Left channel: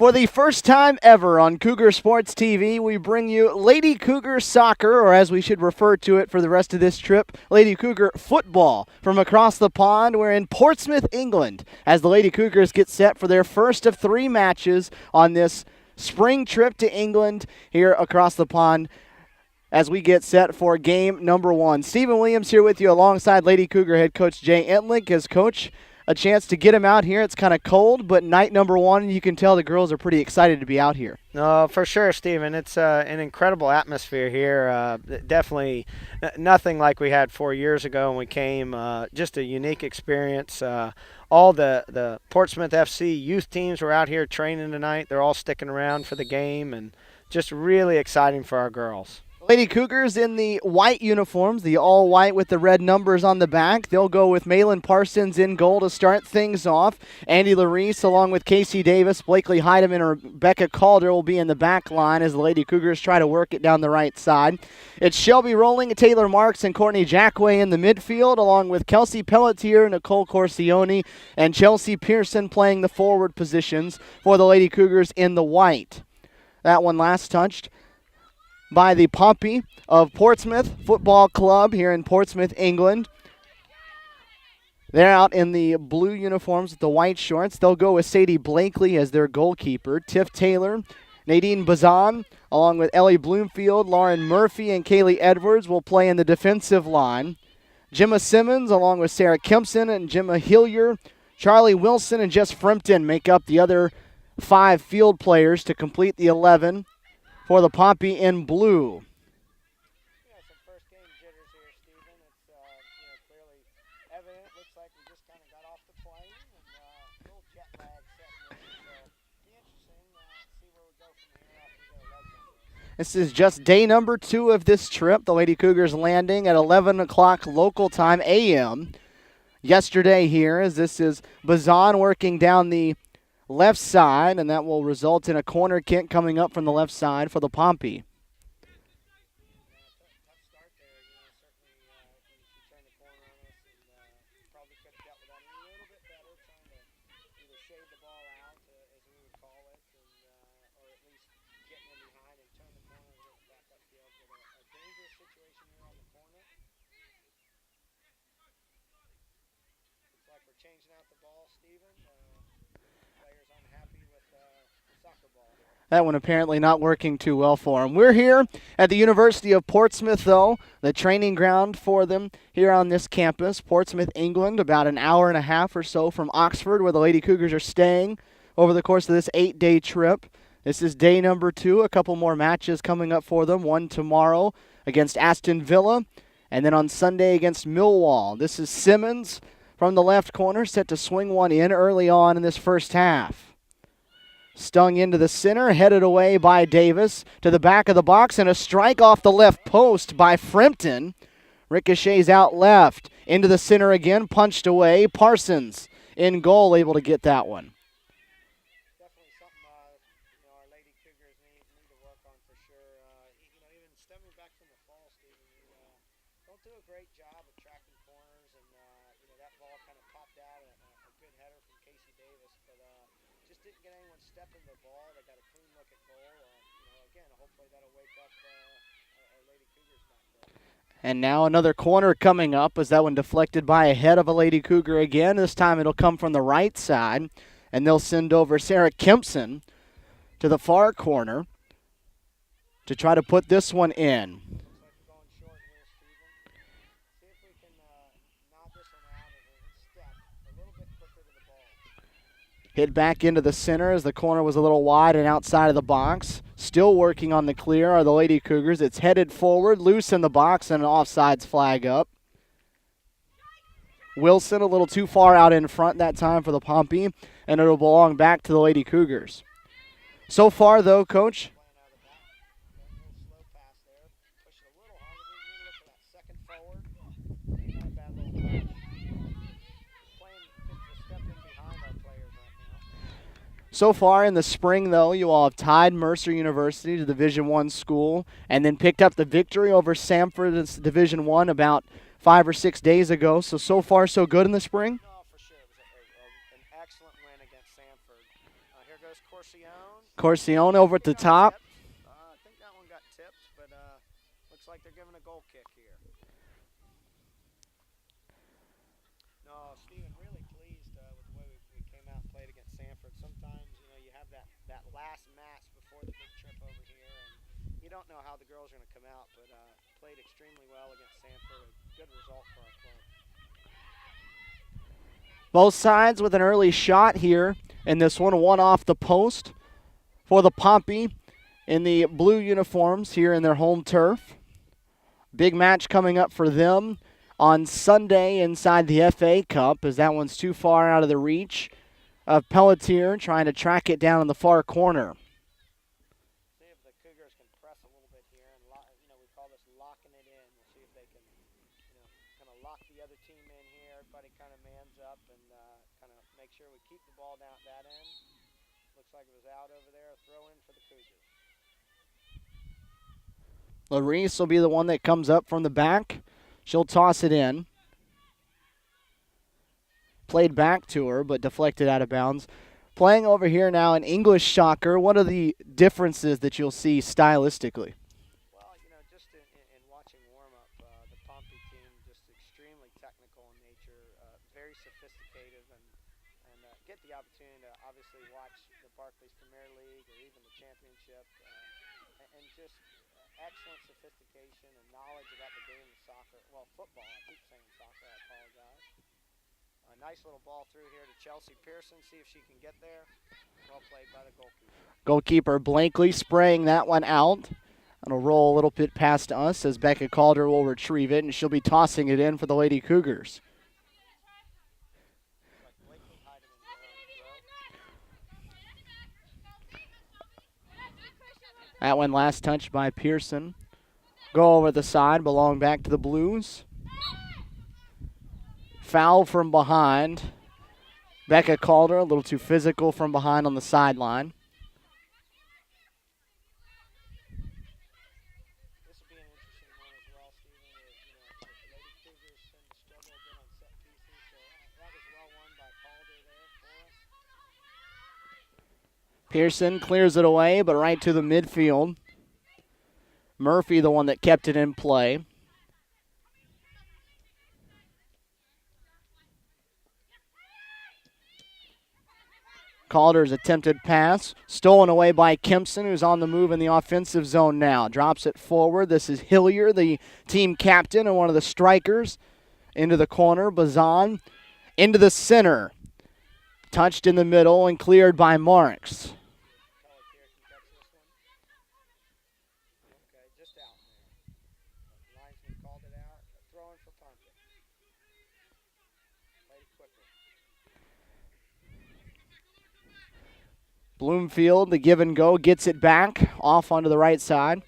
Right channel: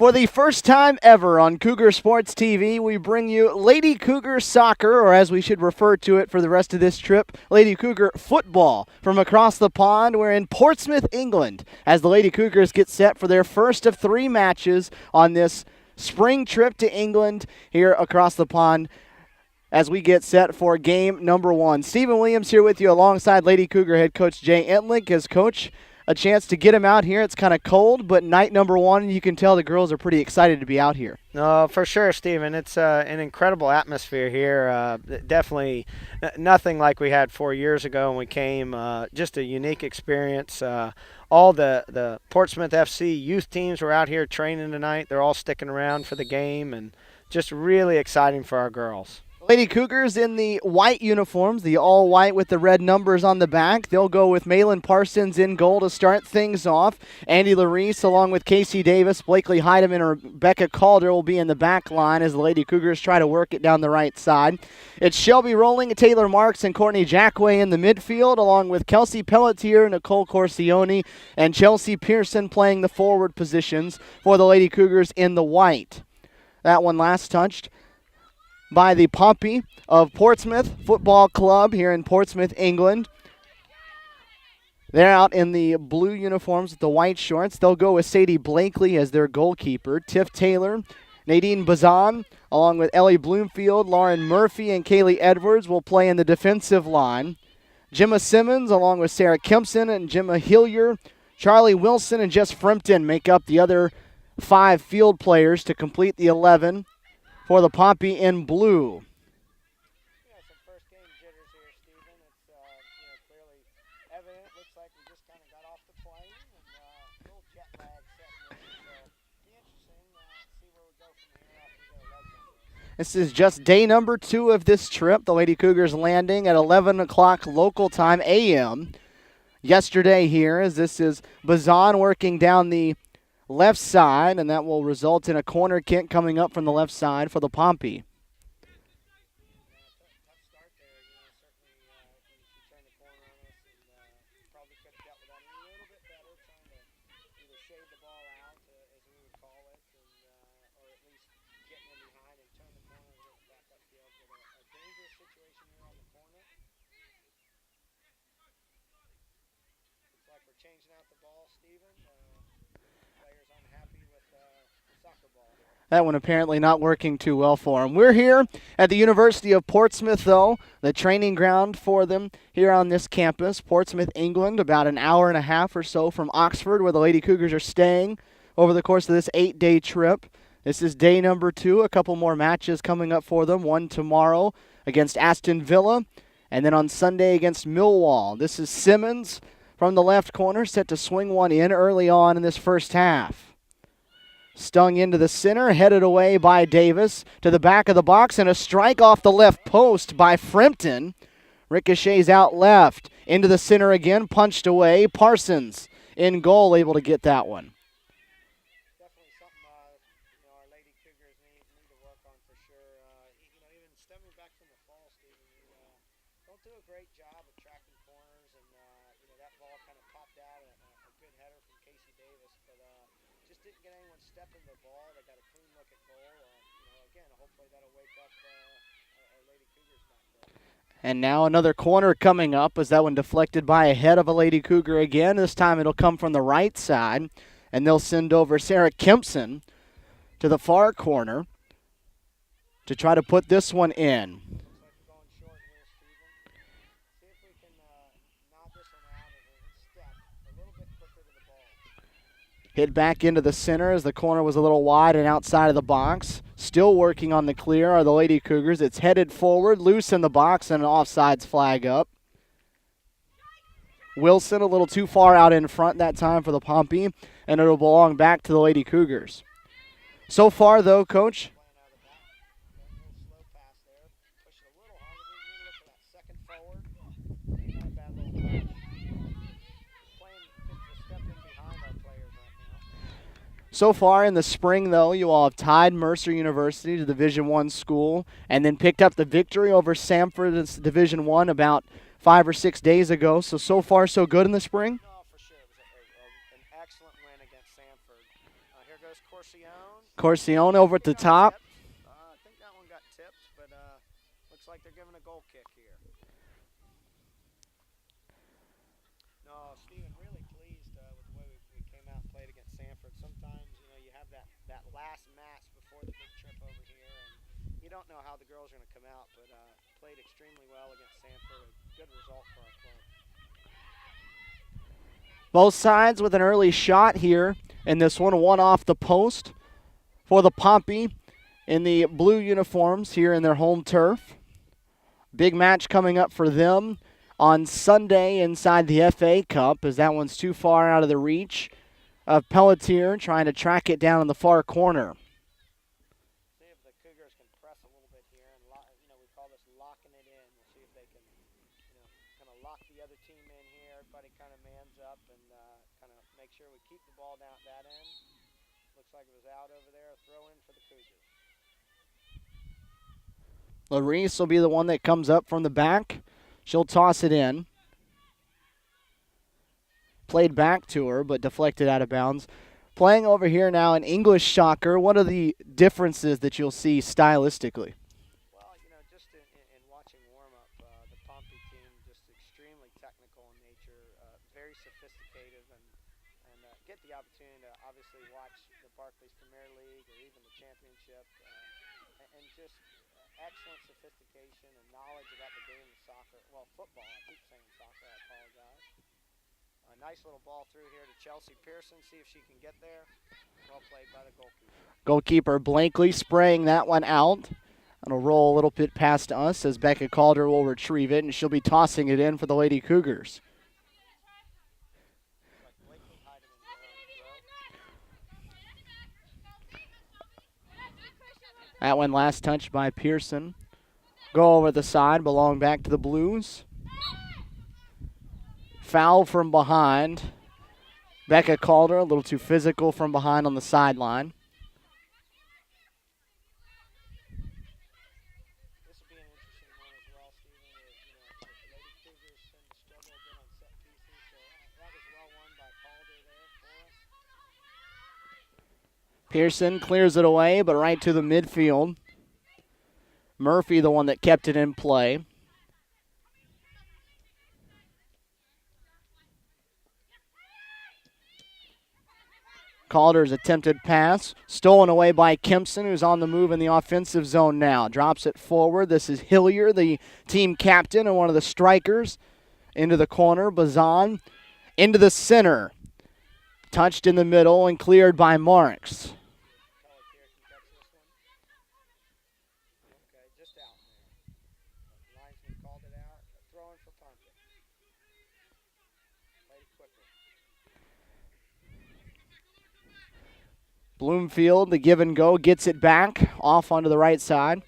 For the first time ever on Cougar Sports TV, we bring you Lady Cougar Soccer, or as we should refer to it for the rest of this trip, Lady Cougar Football. From across the pond, we're in Portsmouth, England, as the Lady Cougars get set for their first of 3 matches on this spring trip to England here across the pond as we get set for game number 1. Stephen Williams here with you alongside Lady Cougar head coach Jay Entlich as coach. A chance to get him out here. It's kind of cold, but night number 1, you can tell the girls are pretty excited to be out here. No, for sure, Stephen. It's an incredible atmosphere here. Definitely nothing like we had 4 years ago when we came. Just a unique experience. All the Portsmouth FC youth teams were out here training tonight. They're all sticking around for the game, and just really exciting for our girls. Lady Cougars in the white uniforms, the all-white with the red numbers on the back. They'll go with Malin Parsons in goal to start things off. Andy Larice along with Casey Davis, Blakely Heidemann, and Rebecca Calder will be in the back line as the Lady Cougars try to work it down the right side. It's Shelby Rowling, Taylor Marks, and Courtney Jackway in the midfield, along with Kelsey Pelletier, Nicole Corsione, and Chelsea Pearson playing the forward positions for the Lady Cougars in the white. That one last touched by the Pompey of Portsmouth Football Club here in Portsmouth, England. They're out in the blue uniforms with the white shorts. They'll go with Sadie Blakely as their goalkeeper. Tiff Taylor, Nadine Bazan, along with Ellie Bloomfield, Lauren Murphy, and Kaylee Edwards will play in the defensive line. Gemma Simmons, along with Sarah Kempson and Gemma Hillier, Charlie Wilson, and Jess Frimpton make up the other 5 field players to complete the 11 for the Pompey in blue. Some first game jitters here, Stephen. It's clearly evident. It looks like we just kind of got off the plane and a little jet lag setting in. So it'll be interesting to see where we go from here after we get our legs under us. This is just day number 2 of this trip. The Lady Cougars landing at 11 o'clock local time a.m. yesterday here, as this is Bazan working down the left side, and that will result in a corner kick coming up from the left side for the Pompey. Changing out the ball, Stephen. Players unhappy with the soccer ball. That one apparently not working too well for them. We're here at the University of Portsmouth, though, the training ground for them here on this campus, Portsmouth, England, about an hour and a half or so from Oxford, where the Lady Cougars are staying over the course of this 8-day trip. This is day number 2. A couple more matches coming up for them. One tomorrow against Aston Villa, and then on Sunday against Millwall. This is Simmons from the left corner, set to swing one in early on in this first half. Stung into the center, headed away by Davis to the back of the box, and a strike off the left post by Frimpton. Ricochets out left, into the center again, punched away. Parsons in goal, able to get that one. Definitely something our Lady Cougars need to work on for sure. Even stemming back from the fall, Stephen, don't do a great job of tracking corners, and that ball kind of popped out, a good header from Casey Davis, but just didn't get anyone stepping the ball. They got a clean look at goal. Again, hopefully that'll wake up our Lady Cougars back there. And now another corner coming up, as that one deflected by a head of a Lady Cougar again. This time it'll come from the right side, and they'll send over Sarah Kempson to the far corner to try to put this one in. Hit back into the center as the corner was a little wide and outside of the box. Still working on the clear are the Lady Cougars. It's headed forward, loose in the box, and an offsides flag up. Wilson a little too far out in front that time for the Pompey, and it'll belong back to the Lady Cougars. So far, though, Coach, so far in the spring, though, you all have tied Mercer University to Division I school and then picked up the victory over Samford's Division I about 5 or 6 days ago. So far, so good in the spring? No, for sure. It was an excellent win against Samford. Here goes Corsione. Corcione over at the top. I think that one got tipped, but looks like they're giving a goal kick here. No, Stephen, really pleased with the way we came out and played against Sanford. Sometimes, you have that last match before the big trip over here, and you don't know how the girls are going to come out, but played extremely well against Sanford. A good result for our club. Both sides with an early shot here in this one off the post for the Pompey in the blue uniforms here in their home turf. Big match coming up for them on Sunday inside the FA Cup, as that one's too far out of the reach of Pelletier, trying to track it down in the far corner. See if the Cougars can press a little bit here, and we call this locking it in. We'll see if they can, kind of lock the other team in here. Everybody kind of mans up and kind of make sure we keep the ball down at that end. Looks like it was out over there. A throw in for the Cougars. Larice will be the one that comes up from the back. She'll toss it in. Played back to her, but deflected out of bounds. Playing over here now an English soccer. What are the differences that you'll see stylistically? Well, just in watching warm-up, the Pompey team just extremely technical in nature, very sophisticated, and get the opportunity to obviously watch the Barclays Premier League or even the Championship, and just excellent sophistication and knowledge about the game of soccer. Well, football. I keep saying soccer. I apologize. A nice little ball through here to Chelsea Pearson. See if she can get there. Well played by the goalkeeper. Goalkeeper Blankley spraying that one out. It'll roll a little bit past us as Becca Calder will retrieve it, and she'll be tossing it in for the Lady Cougars. That one last touched by Pearson. Go over the side, belong back to the Blues. Foul from behind. Becca Calder, a little too physical from behind on the sideline. This will be an interesting one as well, Stephen. The Lady Cougars tend to struggle a bit on set pieces, so that was well won by Calder there for us. Pearson clears it away, but right to the midfield. Murphy, the one that kept it in play. Calder's attempted pass, stolen away by Kempson, who's on the move in the offensive zone now. Drops it forward. This is Hillier, the team captain and one of the strikers. Into the corner, Bazan. Into the center. Touched in the middle and cleared by Marks. Bloomfield, the give and go, gets it back off onto the right side.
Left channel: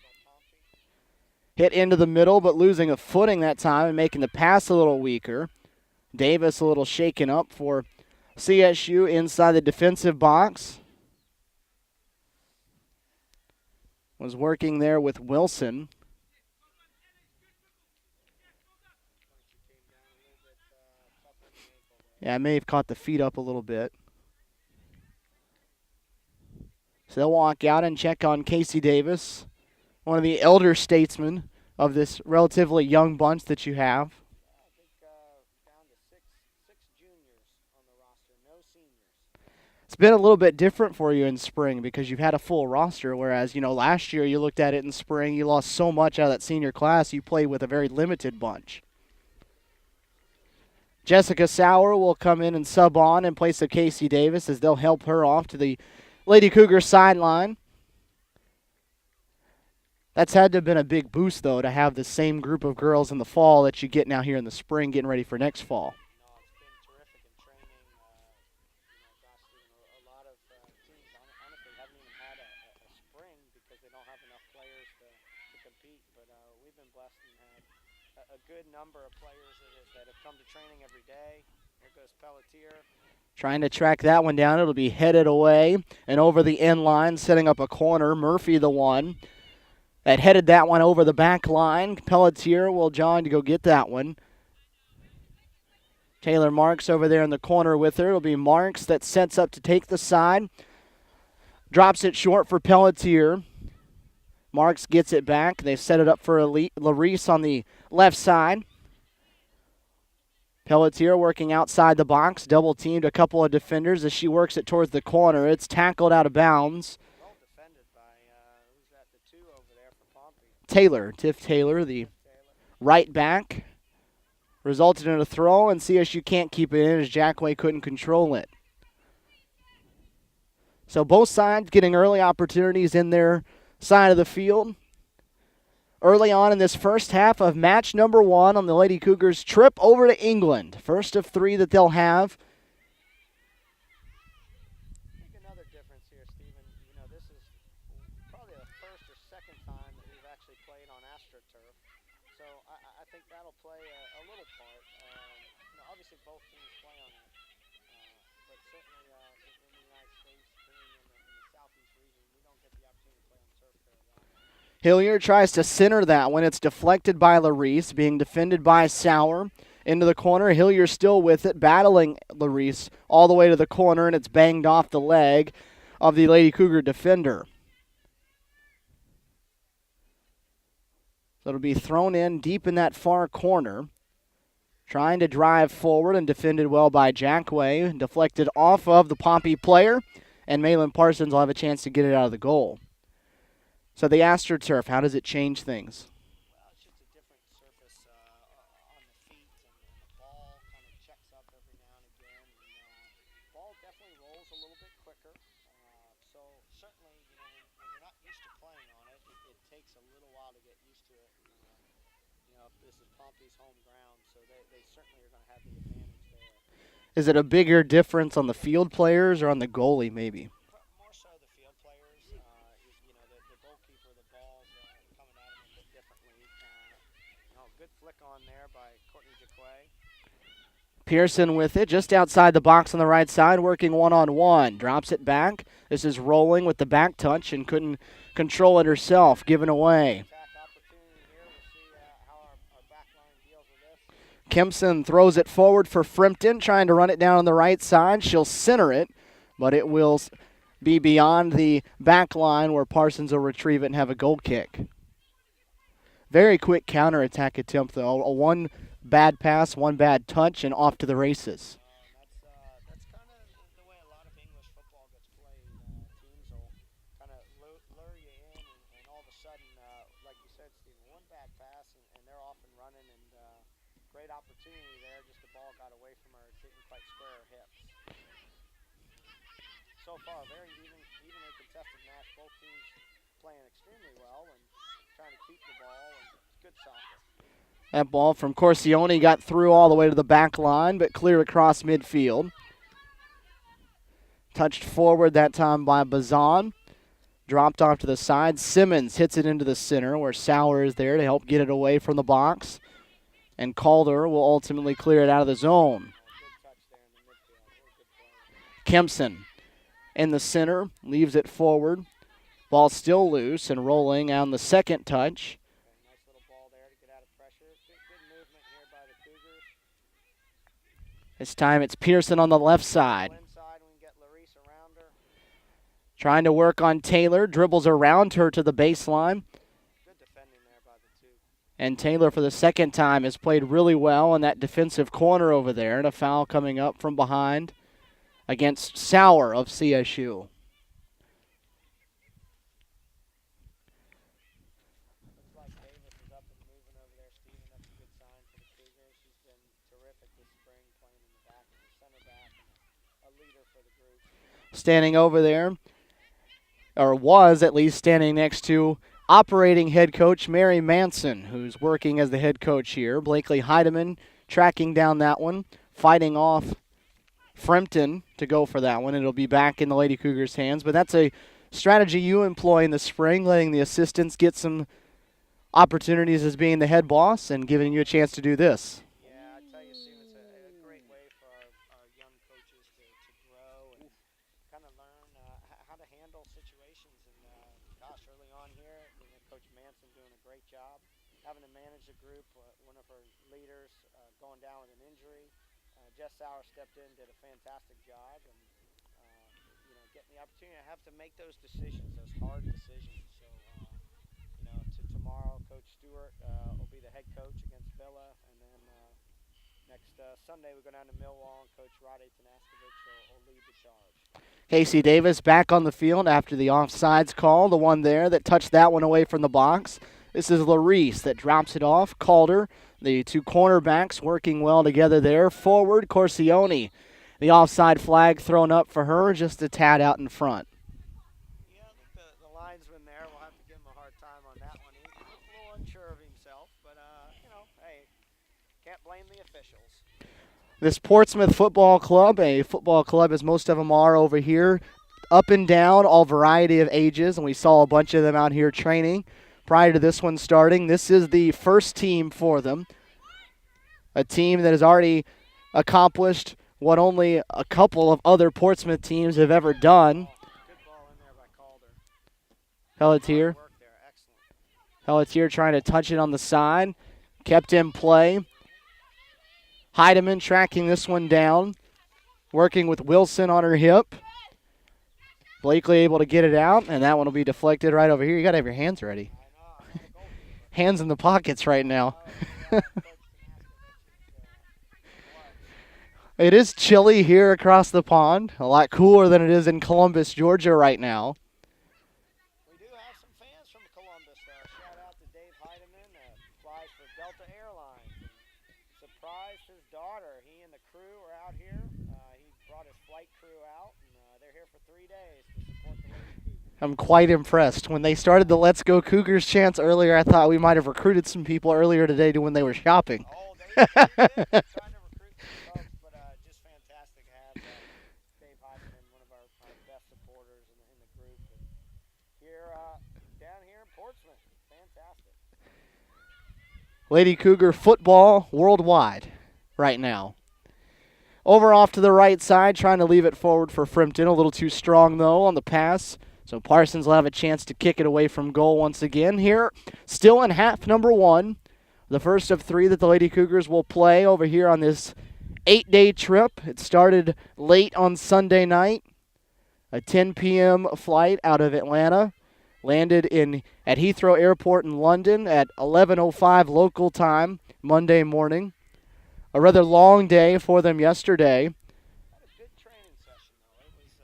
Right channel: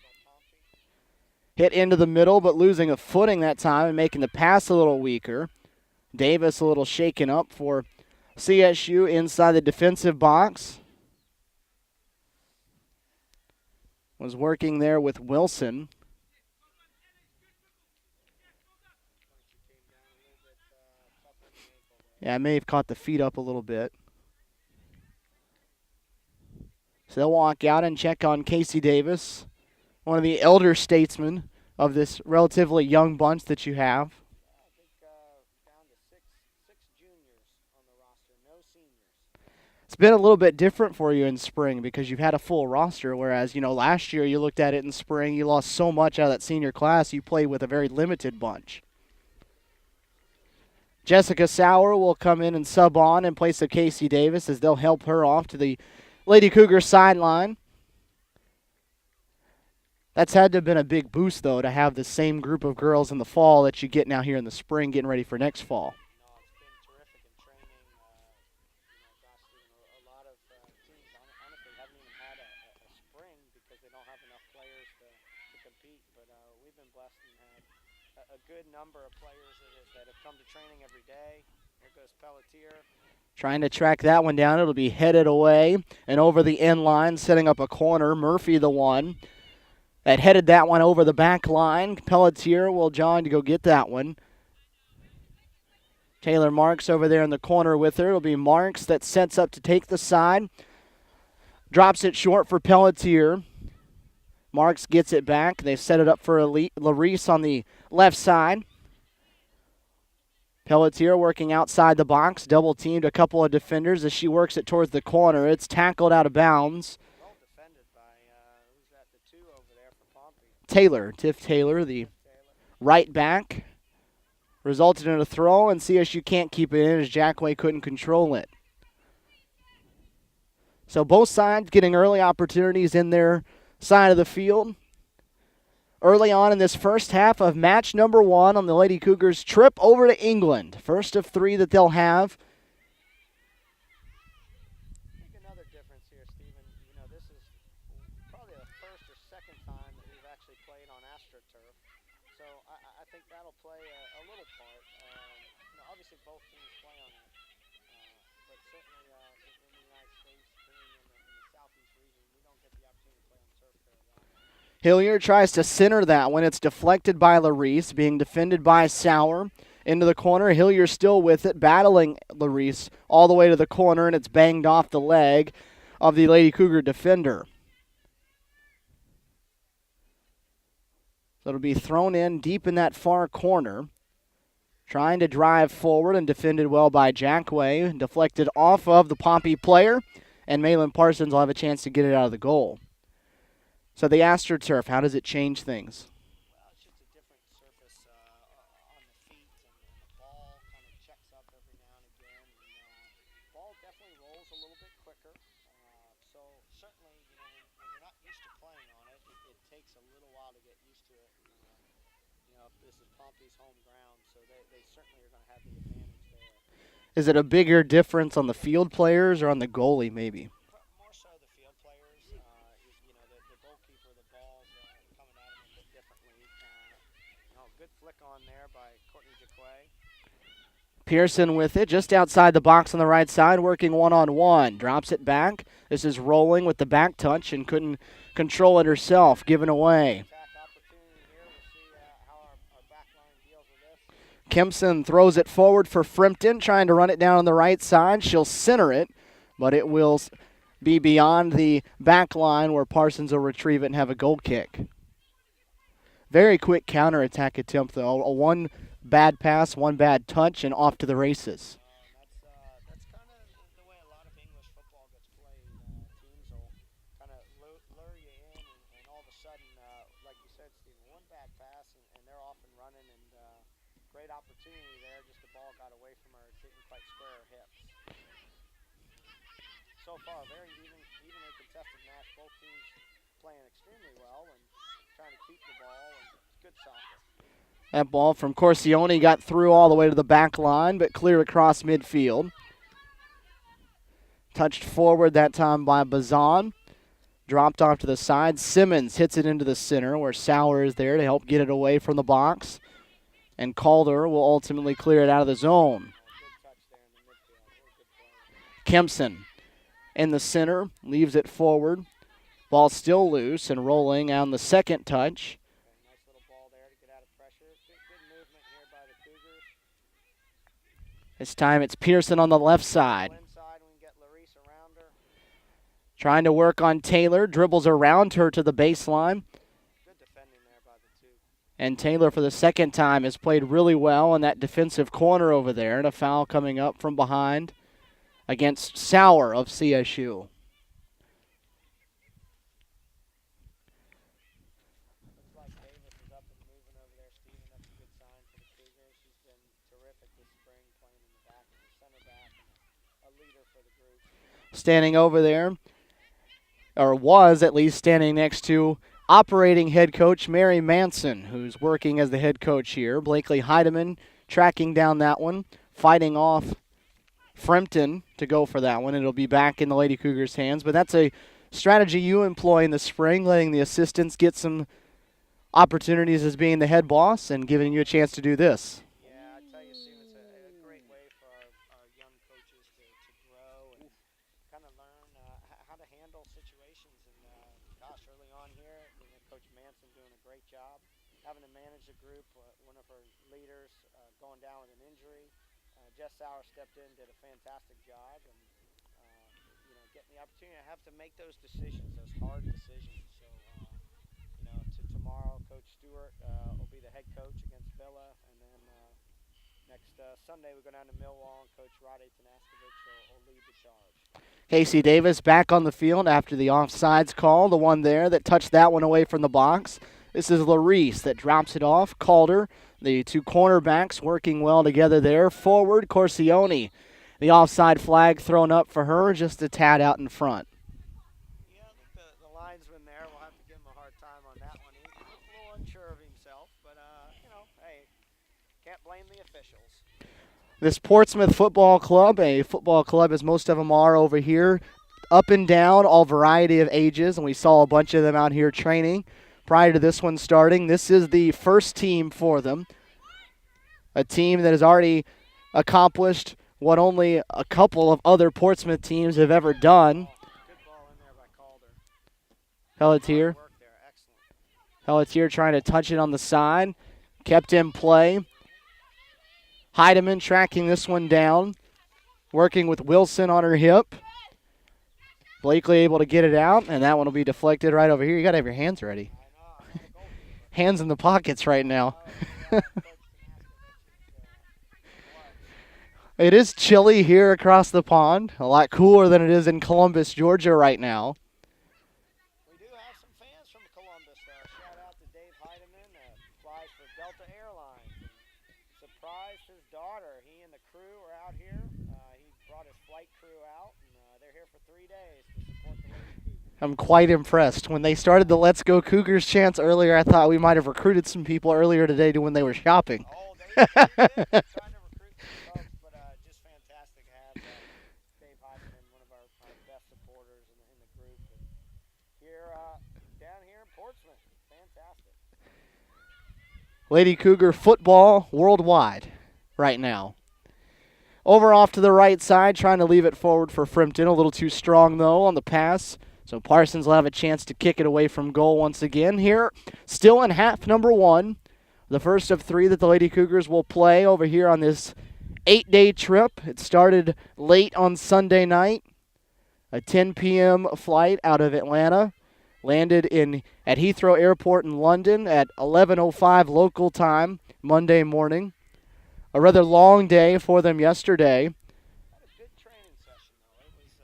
Hit into the middle, but losing a footing that time and making the pass a little weaker. Davis a little shaken up for CSU inside the defensive box. Was working there with Wilson. Yeah, I may have caught the feet up a little bit. So they'll walk out and check on Casey Davis, one of the elder statesmen of this relatively young bunch that you have. I think down to six juniors on the roster, no seniors. It's been a little bit different for you in spring because you've had a full roster, whereas, last year you looked at it in spring, you lost so much out of that senior class, you played with a very limited bunch. Jessica Sauer will come in and sub on in place of Casey Davis as they'll help her off to the Lady Cougar sideline. That's had to have been a big boost, though, to have the same group of girls in the fall that you get now here in the spring, getting ready for next fall. No, it's been terrific in training. A lot of teams honestly haven't even had a spring because they don't have enough players to compete. But we've been blessed and had a good number of players that have come to training every day. Here goes Pelletier. Trying to track that one down. It'll be headed away and over the end line, setting up a corner. Murphy, the one that headed that one over the back line. Pelletier will jog to go get that one. Taylor Marks over there in the corner with her. It'll be Marks that sets up to take the side. Drops it short for Pelletier. Marks gets it back. They set it up for Larice on the left side. Pelletier working outside the box. Double teamed a couple of defenders as she works it towards the corner. It's tackled out of bounds. Well defended by, who's that, the 2 over there for Pompey? Taylor, Tiff Taylor, the right back. Resulted in a throw, and CSU can't keep it in as Jackway couldn't control it. So both sides getting early opportunities in their side of the field. Early on in this first half of match number 1 on the Lady Cougars' trip over to England. First of 3 that they'll have. I think another difference here, Stephen, this is probably the first or second time that we've actually played on AstroTurf. So I think that'll play a little part. Obviously both teams play on it. But certainly in the United States, being in the southeast region, we don't get the opportunity to play on turf very often. Hilliard tries to center that when it's deflected by Larice, being defended by Sauer. Into the corner, Hilliard still with it, battling Larice all the way to the corner, and it's banged off the leg of the Lady Cougar defender. So it'll be thrown in deep in that far corner. Trying to drive forward and defended well by Jackway. Deflected off of the Pompey player, and Malin Parsons will have a chance to get it out of the goal. So the AstroTurf, how does it change things? Well, it's just a different surface on the feet, and the ball kind of checks up every now and again. And the ball definitely rolls a little bit quicker. So certainly, when you're not used to playing on it, it takes a little while to get used to it. This is Pompey's home ground, so they certainly are going to have the advantage there. Is it a bigger difference on the field players or on the goalie maybe? More so the field players. The goalkeeper, the ball's coming at him a bit differently. Good flick on there by Courtney Jacquet. Pearson with it, just outside the box on the right side, working one-on-one. Drops it back. This is rolling with the back touch and couldn't control it herself, given away. Kempson throws it forward for Frimpton, trying to run it down on the right side. She'll center it, but it will be beyond the back line where Parsons will retrieve it and have a goal kick. Very quick counterattack attempt, though. One bad pass, one bad touch, and off to the races. That's kind of the way a lot of English football gets played. Teams will kind of lure you in, and all of a sudden, like you said, Stephen, one bad pass, and they're off and running, and great opportunity there. Just the ball got away from her. It didn't quite square her hips. So far, very evenly contested match. Both teams playing extremely well and trying to keep the ball, and it's good soccer. That ball from Corsione got through all the way to the back line, but clear across midfield. Touched forward that time by Bazan. Dropped off to the side. Simmons hits it into the center where Sauer is there to help get it away from the box. And Calder will ultimately clear it out of the zone. Kempson in the center, leaves it forward. Ball still loose and rolling on the second touch. Nice little ball there to get out of pressure. Good movement here by the Cougars. This time it's Pearson on the left side. Inside, we can get Larice around her. Trying to work on Taylor, dribbles around her to the baseline. Good defending there by the 2. And Taylor, for the second time, has played really well in that defensive corner over there. And a foul coming up from behind against Sauer of CSU. Looks like Davis is up and moving over there, Stephen. That's a good sign for the Cougars. She's been terrific this spring, playing in the back, center back, and a leader for the group. Standing over there, or was at least standing next to operating head coach Mary Manson, who's working as the head coach here. Blakely Heidemann tracking down that one, fighting off Frimpton to go for that one. It'll be back in the Lady Cougars' hands, but that's a strategy you employ in the spring, letting the assistants get some opportunities as being the head boss and giving you a chance to do this. Yeah, I tell you, Steve, it's a great way for our young coaches to grow and kind of learn how to handle situations. And gosh, early on here, Coach Manson doing a great job having to manage the group. One of her leaders going down with an injury. Jess Sauer stepped in, did a fantastic job, and getting the opportunity to have to make those decisions, those hard decisions. So, tomorrow, Coach Stewart will be the head coach against Villa, and then next Sunday we go down to Millwall, and Coach Rade Tanaskovich will lead the charge. Casey Davis back on the field after the offsides call, the one there that touched that one away from the box. This is Larice that drops it off. Calder, the two cornerbacks working well together there. Forward, Corsione. The offside flag thrown up for her, just a tad out in front. Yeah, I think the linesman there will have to give him a hard time on that one. He looked a little unsure of himself, but, hey, can't blame the officials. This Portsmouth Football Club, a football club as most of them are over here, up and down, all variety of ages, and we saw a bunch of them out here training prior to this one starting. This is the first team for them, a team that has already accomplished what only a couple of other Portsmouth teams have ever done. Good ball in there by Calder. Pelletier. Pelletier trying to touch it on the side, kept in play. Heidemann tracking this one down, working with Wilson on her hip. Blakely able to get it out, and that one will be deflected right over here. You got to have your hands ready. Hands in the pockets right now. It is chilly here across the pond, a lot cooler than it is in Columbus, Georgia right now. We do have some fans from Columbus. Shout out to Dave Heidemann, flies for Delta Airlines. Surprised his daughter. He and the crew are out here. He brought his flight crew out, and they're here for 3 days to support the Lady Cougars. I'm quite impressed. When they started the Let's Go Cougars chants earlier, I thought we might have recruited some people earlier today to when they were shopping. Oh, they did. Trying to recruit some folks, but just fantastic to have Dave Heidemann, one of our best supporters in the group. And here, down here in Portsmouth, fantastic. Lady Cougar football worldwide right now. Over off to the right side, trying to leave it forward for Frimpton. A little too strong, though, on the pass. So Parsons will have a chance to kick it away from goal once again here. Still in half number one. The first of three that the Lady Cougars will play over here on this 8-day trip. It started late on Sunday night. A 10 p.m. flight out of Atlanta. Landed at Heathrow Airport in London at 11:05 local time Monday morning. A rather long day for them yesterday. Had a good training session, though. It was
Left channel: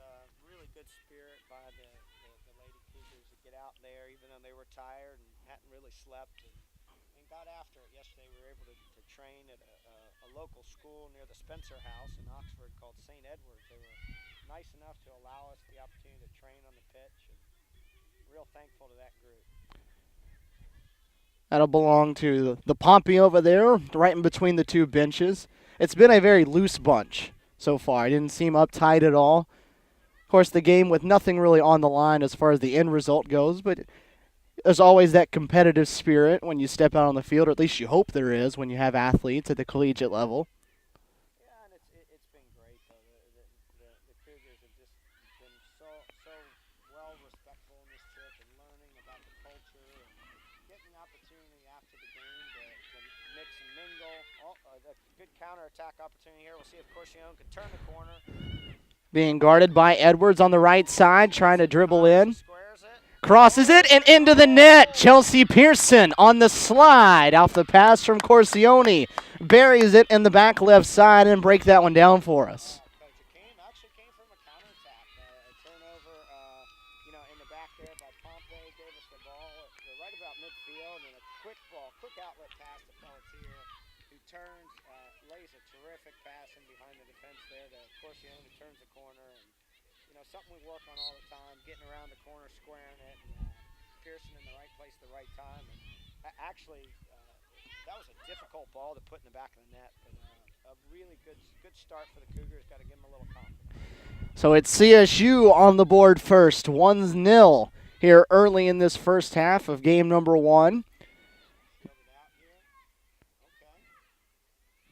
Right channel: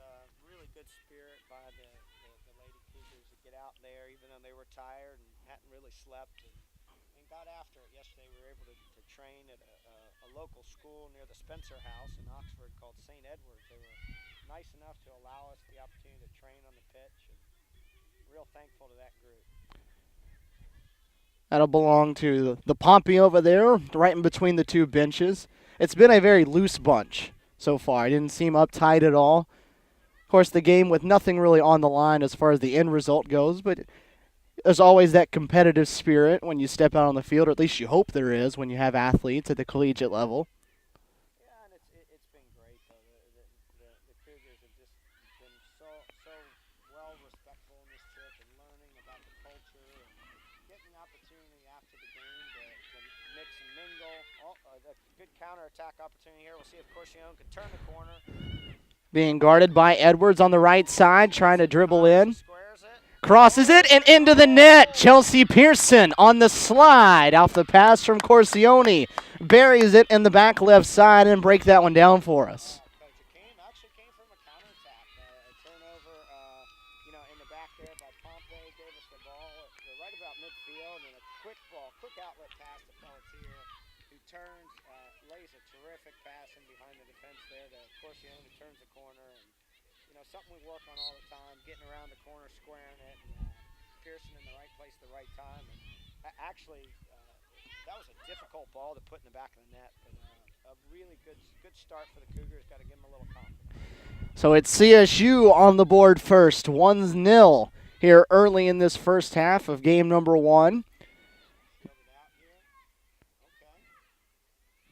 really good spirit by the Lady Cougars to get out there, even though they were tired and hadn't really slept, and got after it yesterday. We were able to train at a local school near the Spencer House in Oxford called St. Edward's. They were nice enough to allow us the opportunity to train on the pitch, and real thankful to that group. That'll belong to the Pompey over there, right in between the two benches. It's been a very loose bunch so far. It didn't seem uptight at all. Of course, the game with nothing really on the line as far as the end result goes, but there's always that competitive spirit when you step out on the field, or at least you hope there is when you have athletes at the collegiate level. Yeah, and it's been great, though. The Cougars have just been so well respectful in this trip and learning about the culture and getting the opportunity after the game to mix and mingle. A good counterattack opportunity here. We'll see if Corsione can turn the corner. Being guarded by Edwards on the right side, trying to dribble in. Squares it. Crosses it and into the net. Chelsea Pearson on the slide off the pass from Corsione. Buries it in the back left side and break that one down for us. It actually came from a counterattack. A turnover, in the back there by Pompey. Gave us the ball right about midfield, and a quick outlet pass to Pelletier, who turns, lays a terrific pass in behind the defense there to Corsione, who turns the corner. And, something we work on all the time, getting around the corner, squaring it, and Pearson in the right place at the right time. And actually, that was a difficult ball to put in the back of the net, but a really good start for the Cougars. Got to give them a little confidence. So it's CSU on the board first, 1-0 here early in this first half of game number one.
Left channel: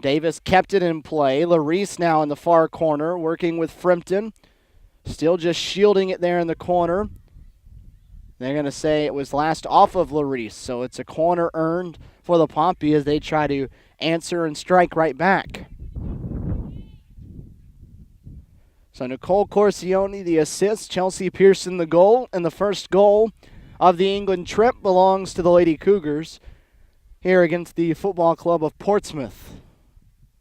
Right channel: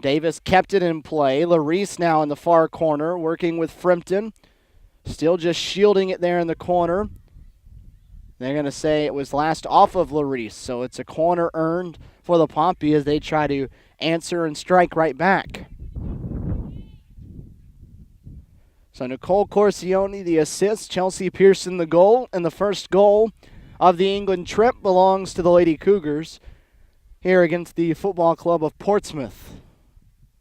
Davis kept it in play. Larice now in the far corner, working with Frimpton. Still just shielding it there in the corner. They're going to say it was last off of Larice, so it's a corner earned for the Pompey as they try to answer and strike right back. So Nicole Corsione, the assist, Chelsea Pearson, the goal, and the first goal of the England trip belongs to the Lady Cougars here against the Football Club of Portsmouth.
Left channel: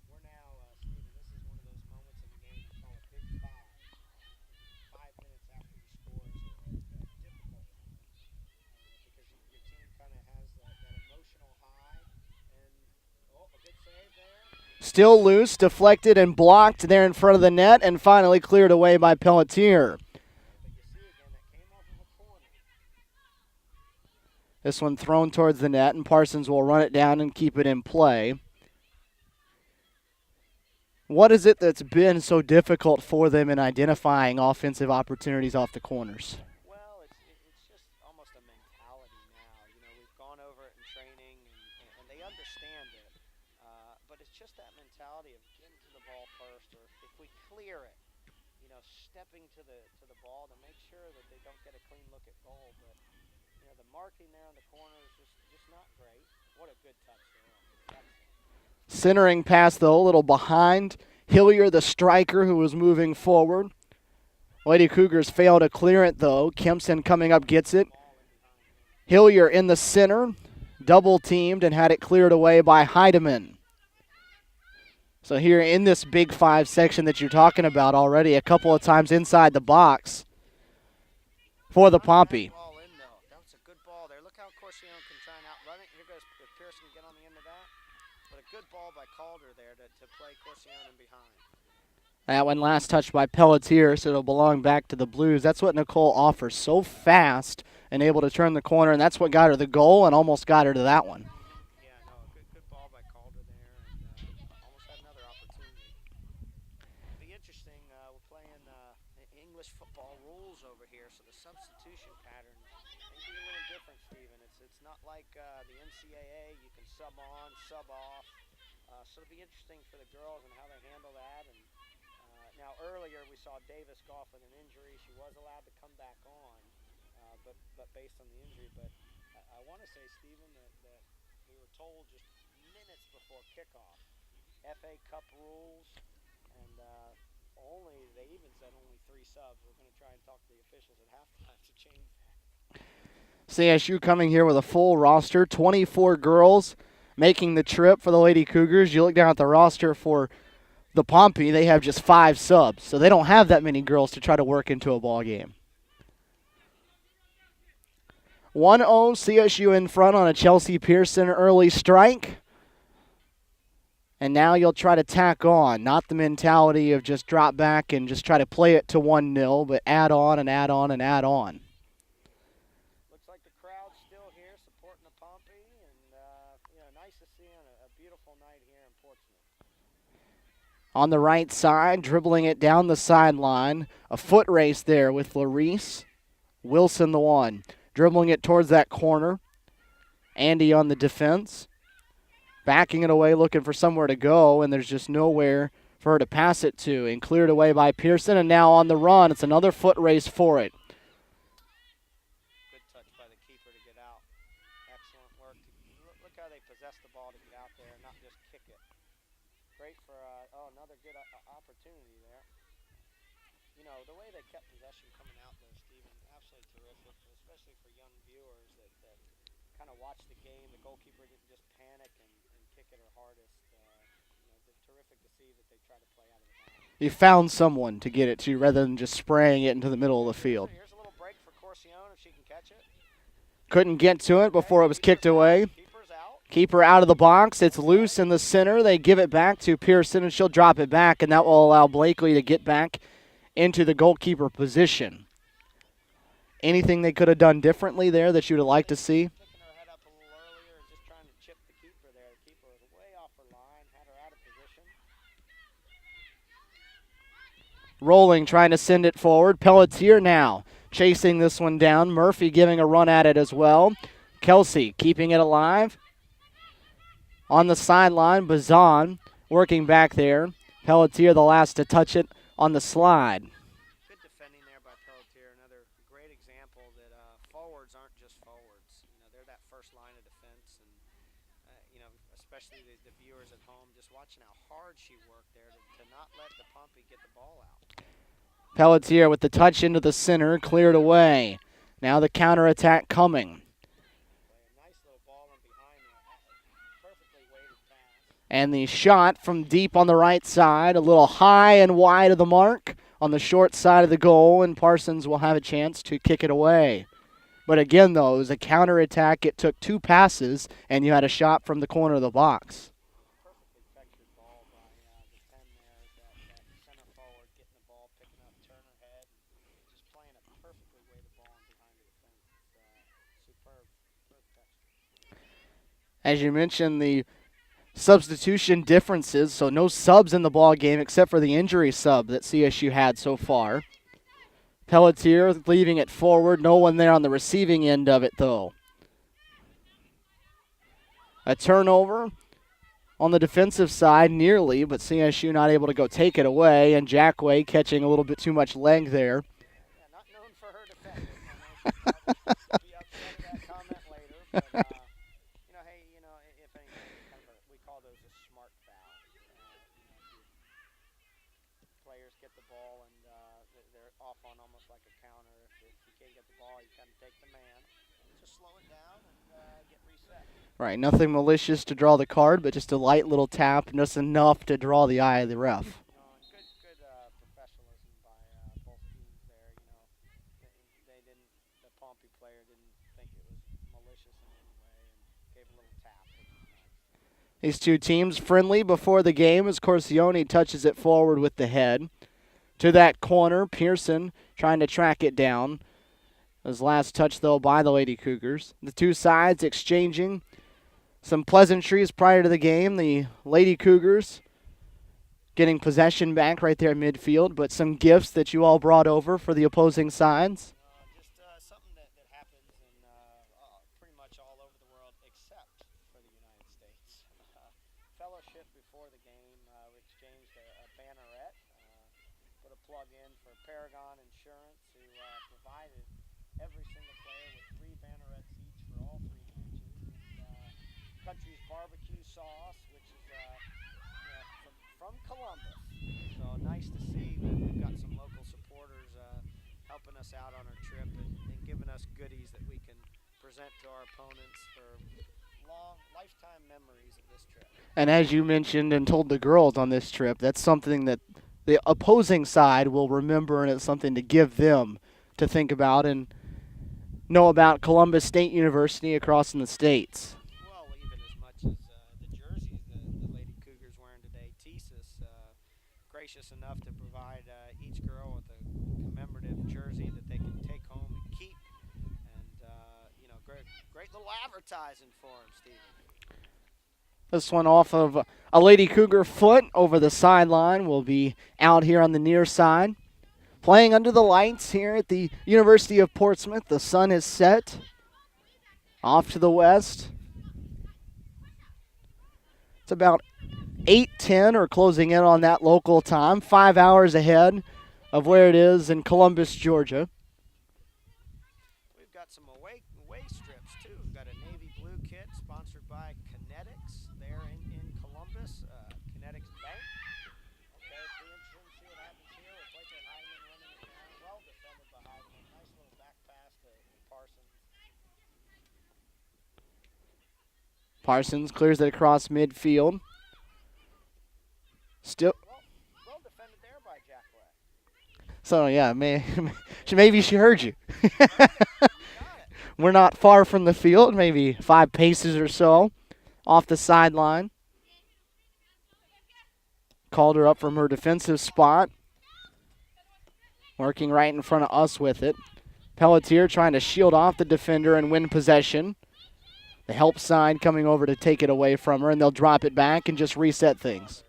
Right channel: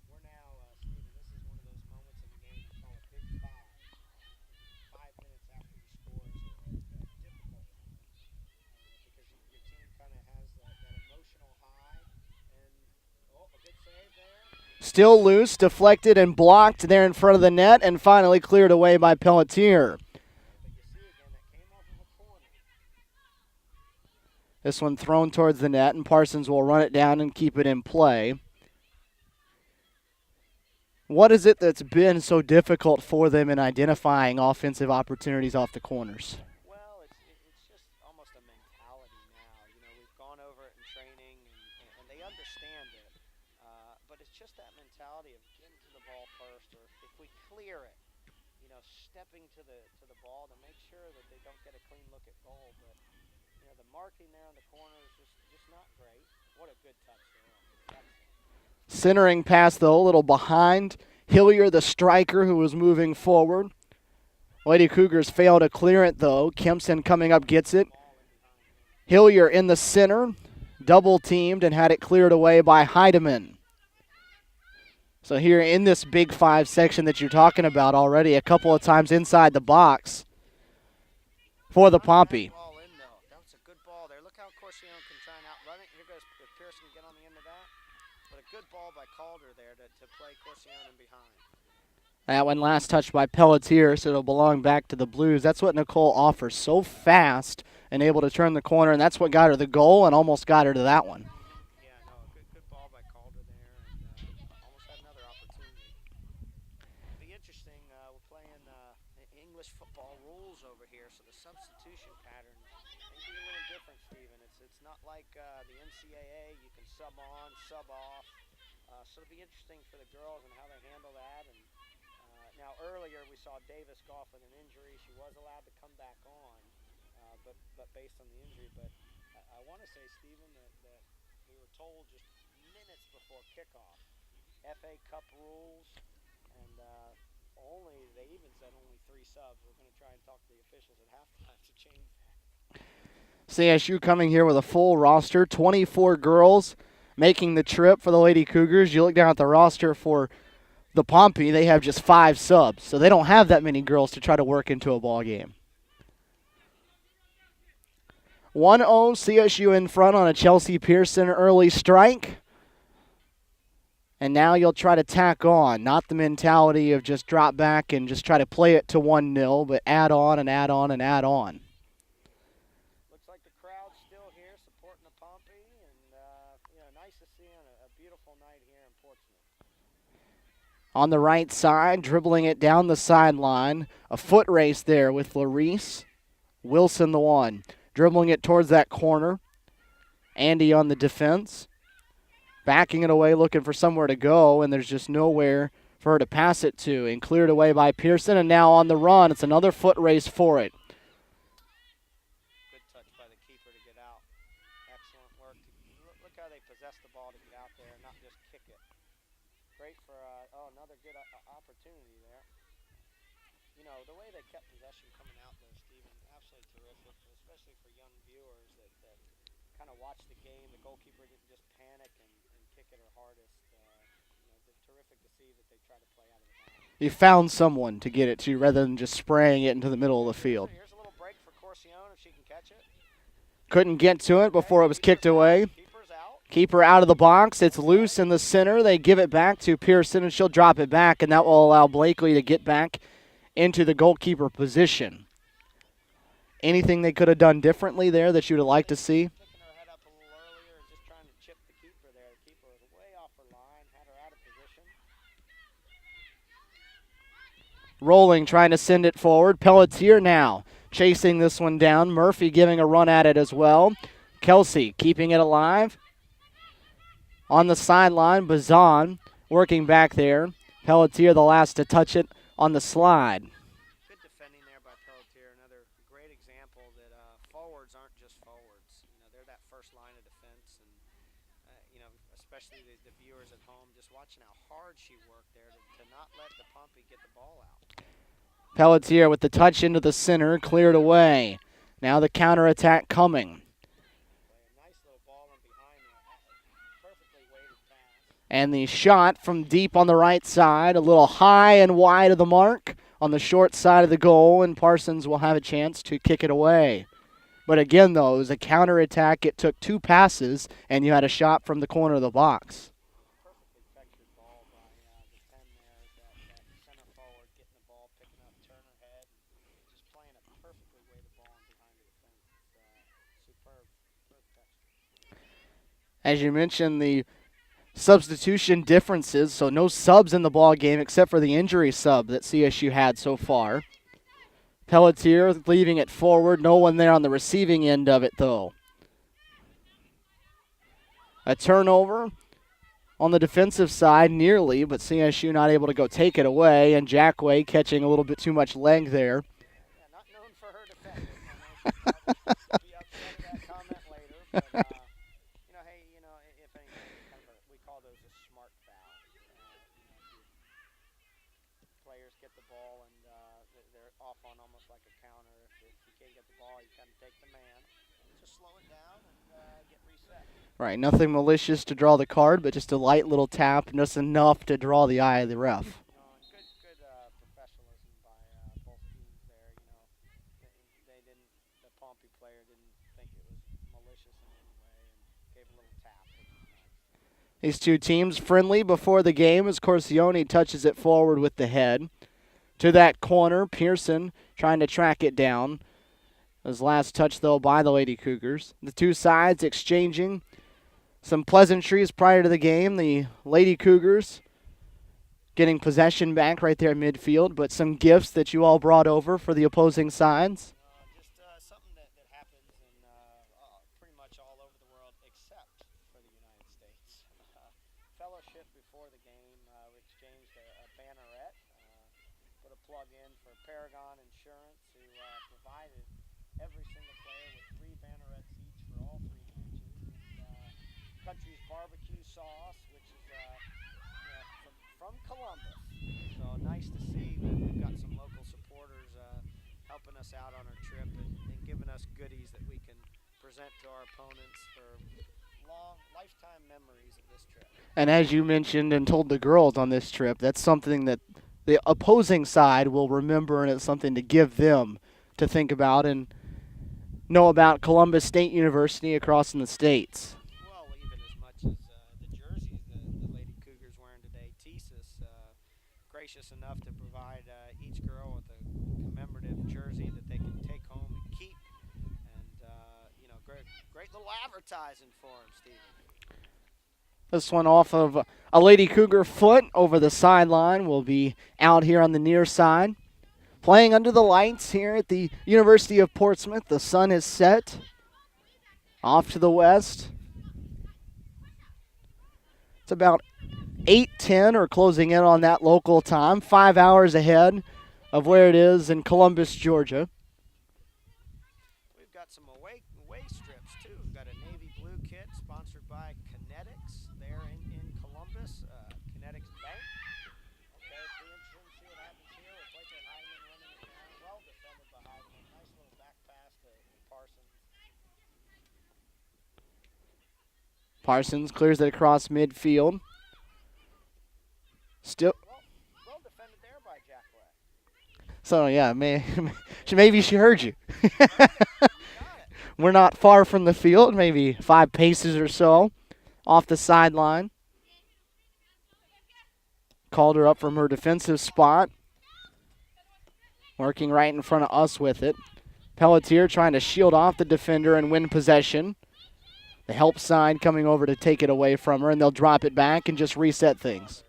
We're now, Stephen, this is one of those moments in the game we call a big five. 5 minutes after you score is a difficult moment because your team kind of has that emotional high. And, oh, a good save there. Still loose, deflected and blocked there in front of the net, and finally cleared away by Pelletier. But you see again, that came off of a corner. This one thrown towards the net, and Parsons will run it down and keep it in play. What is it that's been so difficult for them in identifying offensive opportunities off the corners? Well, it's just almost a mentality now. You know, we've gone over it in training, and they understand it. But it's just that mentality of getting to the ball first, or if we clear it, you know, stepping to the ball to make sure that they don't get a clean look at goal. But you know, the marking there in the corner is just not great. What a good touch there. Excellent. Centering pass, though, a little behind. Hillier, the striker, who was moving forward. Lady Cougars fail to clear it, though. Kempson coming up gets it. Hillier in the center, double-teamed and had it cleared away by Heidemann. So here in this Big Five section that you're talking about already, a couple of times inside the box for the Pompey. That was a good ball there. Look how Corsione can try and outrun it. Here goes Pearson get on the end of that. But a good ball by Calder there to play Corsione in behind. That one last touched by Pelletier, so it'll belong back to the Blues. That's what Nicole offers, so fast and able to turn the corner, and that's what got her the goal and almost got her to that one. Yeah, no, good ball by Calder there, and almost had another opportunity. It'll be interesting. We're playing English football rules over here, so the substitution pattern may be a little different, Stephen. It's not like the NCAA. You can sub on, sub off. So it'll be interesting for the girls and how they handle that. And now earlier we saw Davis go off with an injury. She was allowed to come back on, but based on the injury. But I want to say, Stephen, that we were told just minutes before kickoff, FA Cup rules, and they even said only 3 subs. We're going to try and talk to the officials at halftime to change that. CSU coming here with a full roster, 24 girls making the trip for the Lady Cougars. You look down at the roster for the Pompey, they have just 5 subs, so they don't have that many girls to try to work into a ball game. 1-0 CSU in front on a Chelsea Pearson early strike. And now you'll try to tack on, not the mentality of just drop back and just try to play it to 1-0, but add on and add on and add on. Looks like the crowd's still here supporting the Pompey, and nice to see on a beautiful night here in Portsmouth. On the right side, dribbling it down the sideline. A foot race there with Larice. Wilson the one. Dribbling it towards that corner. Andy on the defense. Backing it away, looking for somewhere to go, and there's just nowhere for her to pass it to. And cleared away by Pearson, and now on the run. It's another foot race for it. Good touch by the keeper to get out. Excellent work. Look how they possess the ball to get out there and not just kick it. Great for, another good opportunity there. You know, the way they kept possession coming out there, Stephen, absolutely terrific, especially for young viewers that kind of watch the game. The goalkeeper didn't just panic and kick it her hardest. They're terrific to see that they try to play out of the bounds. He found someone to get it to rather than just spraying it into the middle of the field. Here's a little break for Corsione if she can catch it. Couldn't get to it before it was kicked away. Keeper out of the box. It's loose in the center. They give it back to Pearson, and she'll drop it back, and that will allow Blakely to get back into the goalkeeper position. Anything they could have done differently there that you would like to see? Picking her head up a little earlier and just trying to chip the keeper there. The keeper was way off her line, had her out of position. Rolling, trying to send it forward. Pelletier now chasing this one down. Murphy giving a run at it as well. Kelsey keeping it alive. On the sideline, Bazan working back there. Pelletier the last to touch it on the slide. Good defending there by Pelletier. Another great example that forwards aren't just forwards. You know, they're that first line of defense, and especially the viewers at home, just watching how hard she worked there to not let the Pompey get the ball out. Pelletier with the touch into the center, cleared away. Now the counterattack coming. Nice little ball in behind there. Perfectly weighted pass. And the shot from deep on the right side, a little high and wide of the mark on the short side of the goal, and Parsons will have a chance to kick it away. But again, though, it was a counterattack. It took 2 passes, and you had a shot from the corner of the box. Perfectly textured ball by the 10 there. That center forward getting the ball, picking up Turner head, and just playing a perfectly weighted ball in behind the defense. It's superb texture. As you mentioned, the substitution differences, so no subs in the ball game except for the injury sub that CSU had so far. Pelletier leaving it forward. No one there on the receiving end of it, though. A turnover on the defensive side, nearly, but CSU not able to go take it away, and Jackway catching a little bit too much leg there. Yeah, not known for her defending. She'll be upset at that comment later, but hey, if anything, we call those a smart foul. Players get the ball and they're off on almost like a counter. If you can't get the ball, you kind of take the man. Just slow it down and get reset. Right, nothing malicious to draw the card, but just a light little tap, just enough to draw the eye of the ref. Good professionalism by both teams there. They didn't. The Pompey player didn't think it was malicious in any way and gave a little tap. These two teams friendly before the game as Corsione touches it forward with the head. To that corner, Pearson trying to track it down. His last touch, though, by the Lady Cougars. The two sides exchanging some pleasantries prior to the game. The Lady Cougars getting possession back right there in midfield, but some gifts that you all brought over for the opposing sides. Just something that happens in pretty much all over the world except for the United States. Fellowship before the game, we exchanged a banneret, put a plug in for Paragon Insurance, who provided every single player with 3 bannerets each for all 3 matches. And, Country's barbecue sauce, which is from Columbus. So nice to see that we've got some local supporters helping us out on our trip and giving us goodies that we can present to our opponents for long lifetime memories of this trip. And as you mentioned and told the girls on this trip, that's something that the opposing side will remember, and it's something to give them to think about and know about Columbus State University across in the States. Well, even as much as the jerseys the Lady Cougars wearing today. TSIS gracious enough to provide each girl with a commemorative jersey that they can take home and keep. And, great little advertising for them, Stephen. This one off of a Lady Cougar foot over the sideline will be out here on the near side. Playing under the lights here at the University of Portsmouth. The sun is set. Off to the west. It's about 8:10 or closing in on that local time. 5 hours ahead of where it is in Columbus, Georgia. We've got some away strips, too. We've got a navy blue kit sponsored by Kinetics there in Columbus. Kinetics Bank. Okay, it'll be interesting to see what happens here with Blake Heidemann running it down. Well defended by Heidemann. Nice little back pass to Parsons. Parsons clears it across midfield. Still. Well defended there by Jackway. So, yeah, maybe she heard you. We're not far from the field, maybe 5 paces or so off the sideline. Called her up from her defensive spot. Working right in front of us with it. Pelletier trying to shield off the defender and win possession. The help side coming over to take it away from her, and they'll drop it back and just reset things.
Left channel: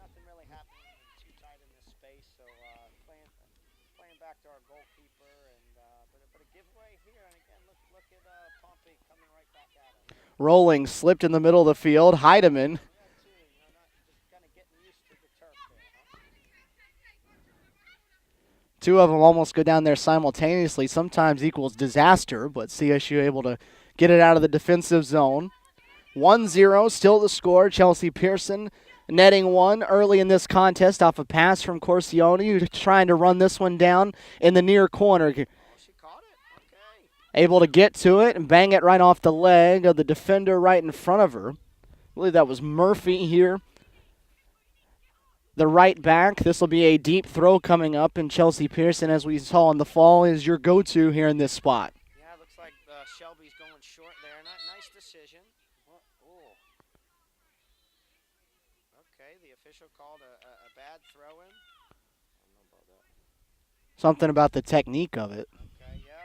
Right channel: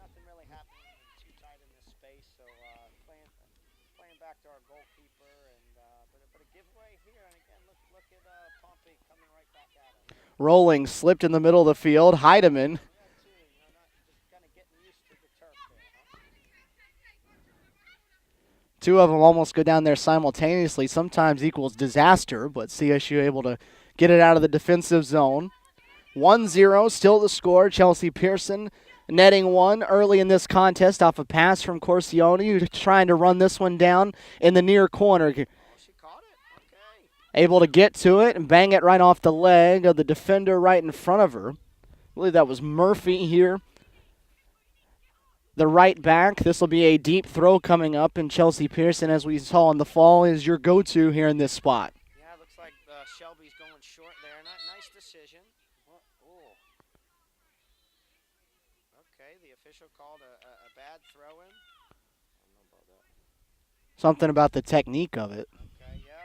Nothing really happening too tight in this space, so playing back to our goalkeeper, and but a giveaway here, and again, look at Pompey coming right back at him. Rolling, slipped in the middle of the field. Heidemann. Not just kind of getting used to the turf there, huh? 2 of them almost go down there simultaneously. Sometimes equals disaster, but CSU able to get it out of the defensive zone. 1-0, still the score. Chelsea Pearson netting one early in this contest off a pass from Corsione, who's trying to run this one down in the near corner. Oh, she caught it. Okay. Able to get to it and bang it right off the leg of the defender right in front of her. I believe that was Murphy here. The right back. This will be a deep throw coming up, and Chelsea Pearson, as we saw in the fall, is your go-to here in this spot. Yeah, it looks like Shelby's going short there. Nice decision. Oh. Okay, the official called a bad throw-in. I don't know about that. Something about the technique of it. Okay, yeah,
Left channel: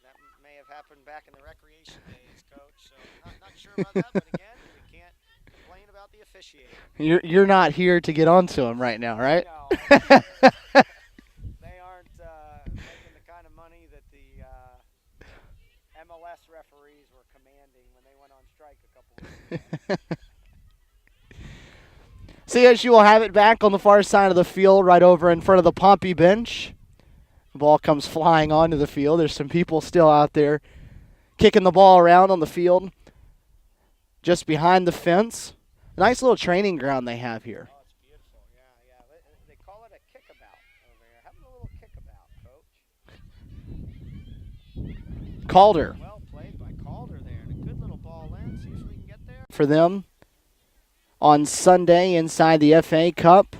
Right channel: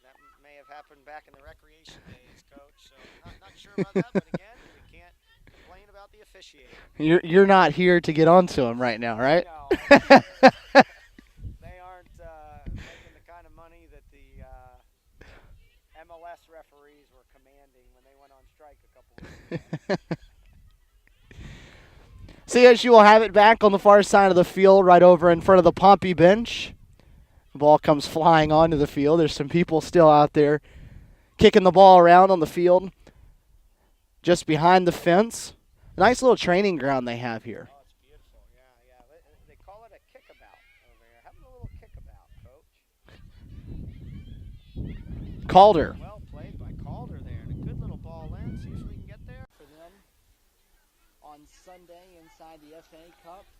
that may have happened back in the recreation days, Coach. So not sure about that, but again, we can't complain about the officiating. You're not here to get onto him right now, right? No, they aren't making the kind of money that the MLS referees were commanding when they went on strike a couple weeks ago. CSU will have it back on the far side of the field, right over in front of the Pompey bench. The ball comes flying onto the field. There's some people still out there kicking the ball around on the field, just behind the fence. Nice little training ground they have here. Oh, it's beautiful. Yeah. They call it a kickabout over here. Having a little kickabout, Coach. Calder. Well played by Calder there. And a good little ball in. See if we can get there. For them on Sunday inside the FA Cup.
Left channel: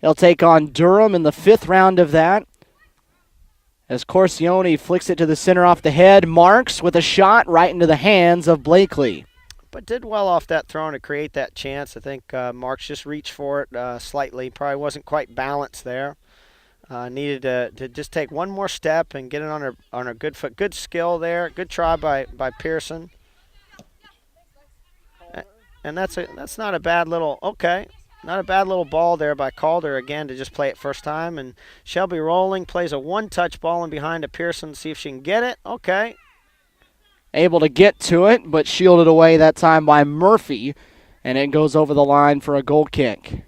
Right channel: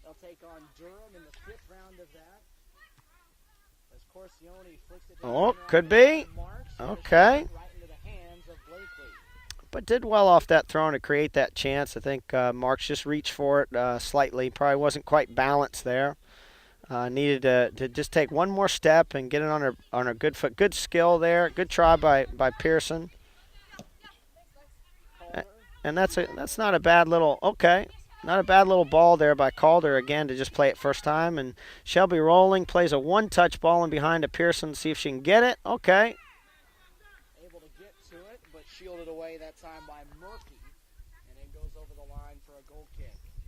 They'll take on Durham in the 5th round of that. As Corsione flicks it to the center off the head. Marks with a shot right into the hands of Blakely. But did well off that throw to create that chance. I think Marks just reached for it slightly. Probably wasn't quite balanced there. Needed to just take one more step and get it on her good foot. Good skill there. Good try by Pearson. And that's not a bad little not a bad little ball there by Calder again to just play it first time. And Shelby rolling, plays a one-touch ball in behind to Pearson, see if she can get it. Okay. Able to get to it, but shielded away that time by Murphy, and it goes over the line for a goal kick.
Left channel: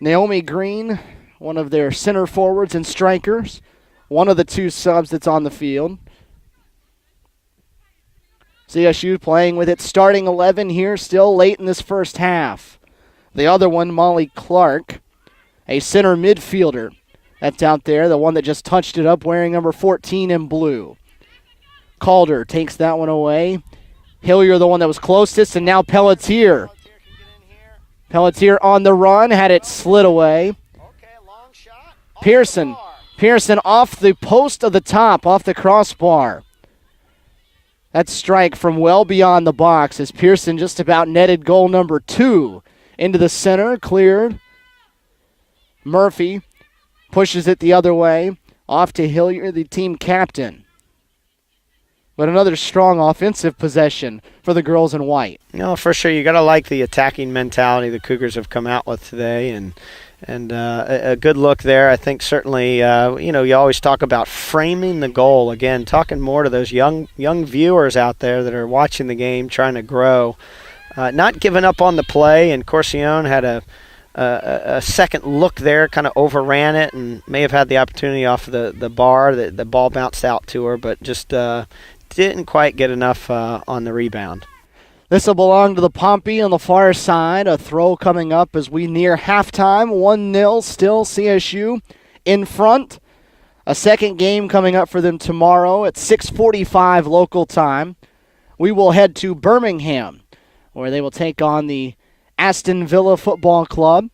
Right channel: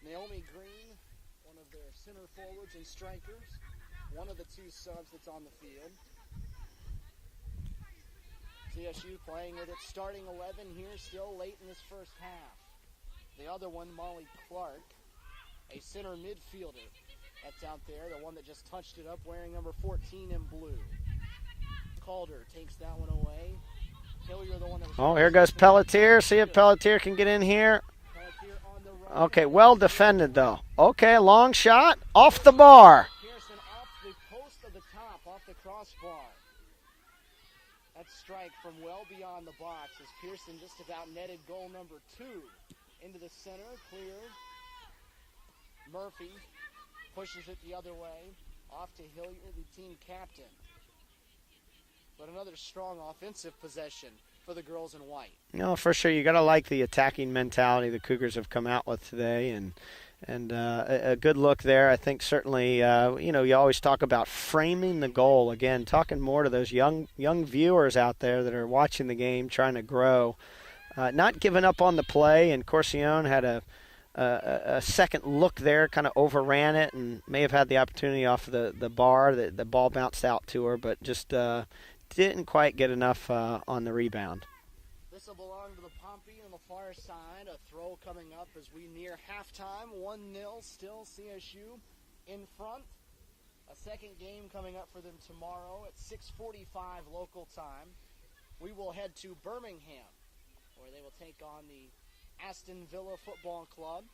Naomi Green, one of their center forwards and strikers, one of the 2 subs that's on the field. CSU playing with its starting 11 here, still late in this first half. The other one, Molly Clark, a center midfielder that's out there, the one that just touched it up wearing number 14 in blue. Calder takes that one away. Hillier, the one that was closest, and now Pelletier. Pelletier can get in here. Pelletier on the run, had it slid away. Okay, a long shot off the bar. Pearson off the post of the top, off the crossbar. That strike from well beyond the box as Pearson just about netted goal number 2 into the center, cleared. Murphy pushes it the other way, off to Hillier, the team captain. But another strong offensive possession for the girls in white. No, for sure. You got to like the attacking mentality the Cougars have come out with today, and a good look there. I think certainly, you always talk about framing the goal. Again, talking more to those young viewers out there that are watching the game, trying to grow. Not giving up on the play, and Corsione had a second look there, kind of overran it, and may have had the opportunity off of the bar. The ball bounced out to her, but just didn't quite get enough on the rebound. This will belong to the Pompey on the far side. A throw coming up as we near halftime. 1-0 still CSU in front. A second game coming up for them tomorrow at 6:45 local time. We will head to Birmingham, where they will take on the Aston Villa Football Club.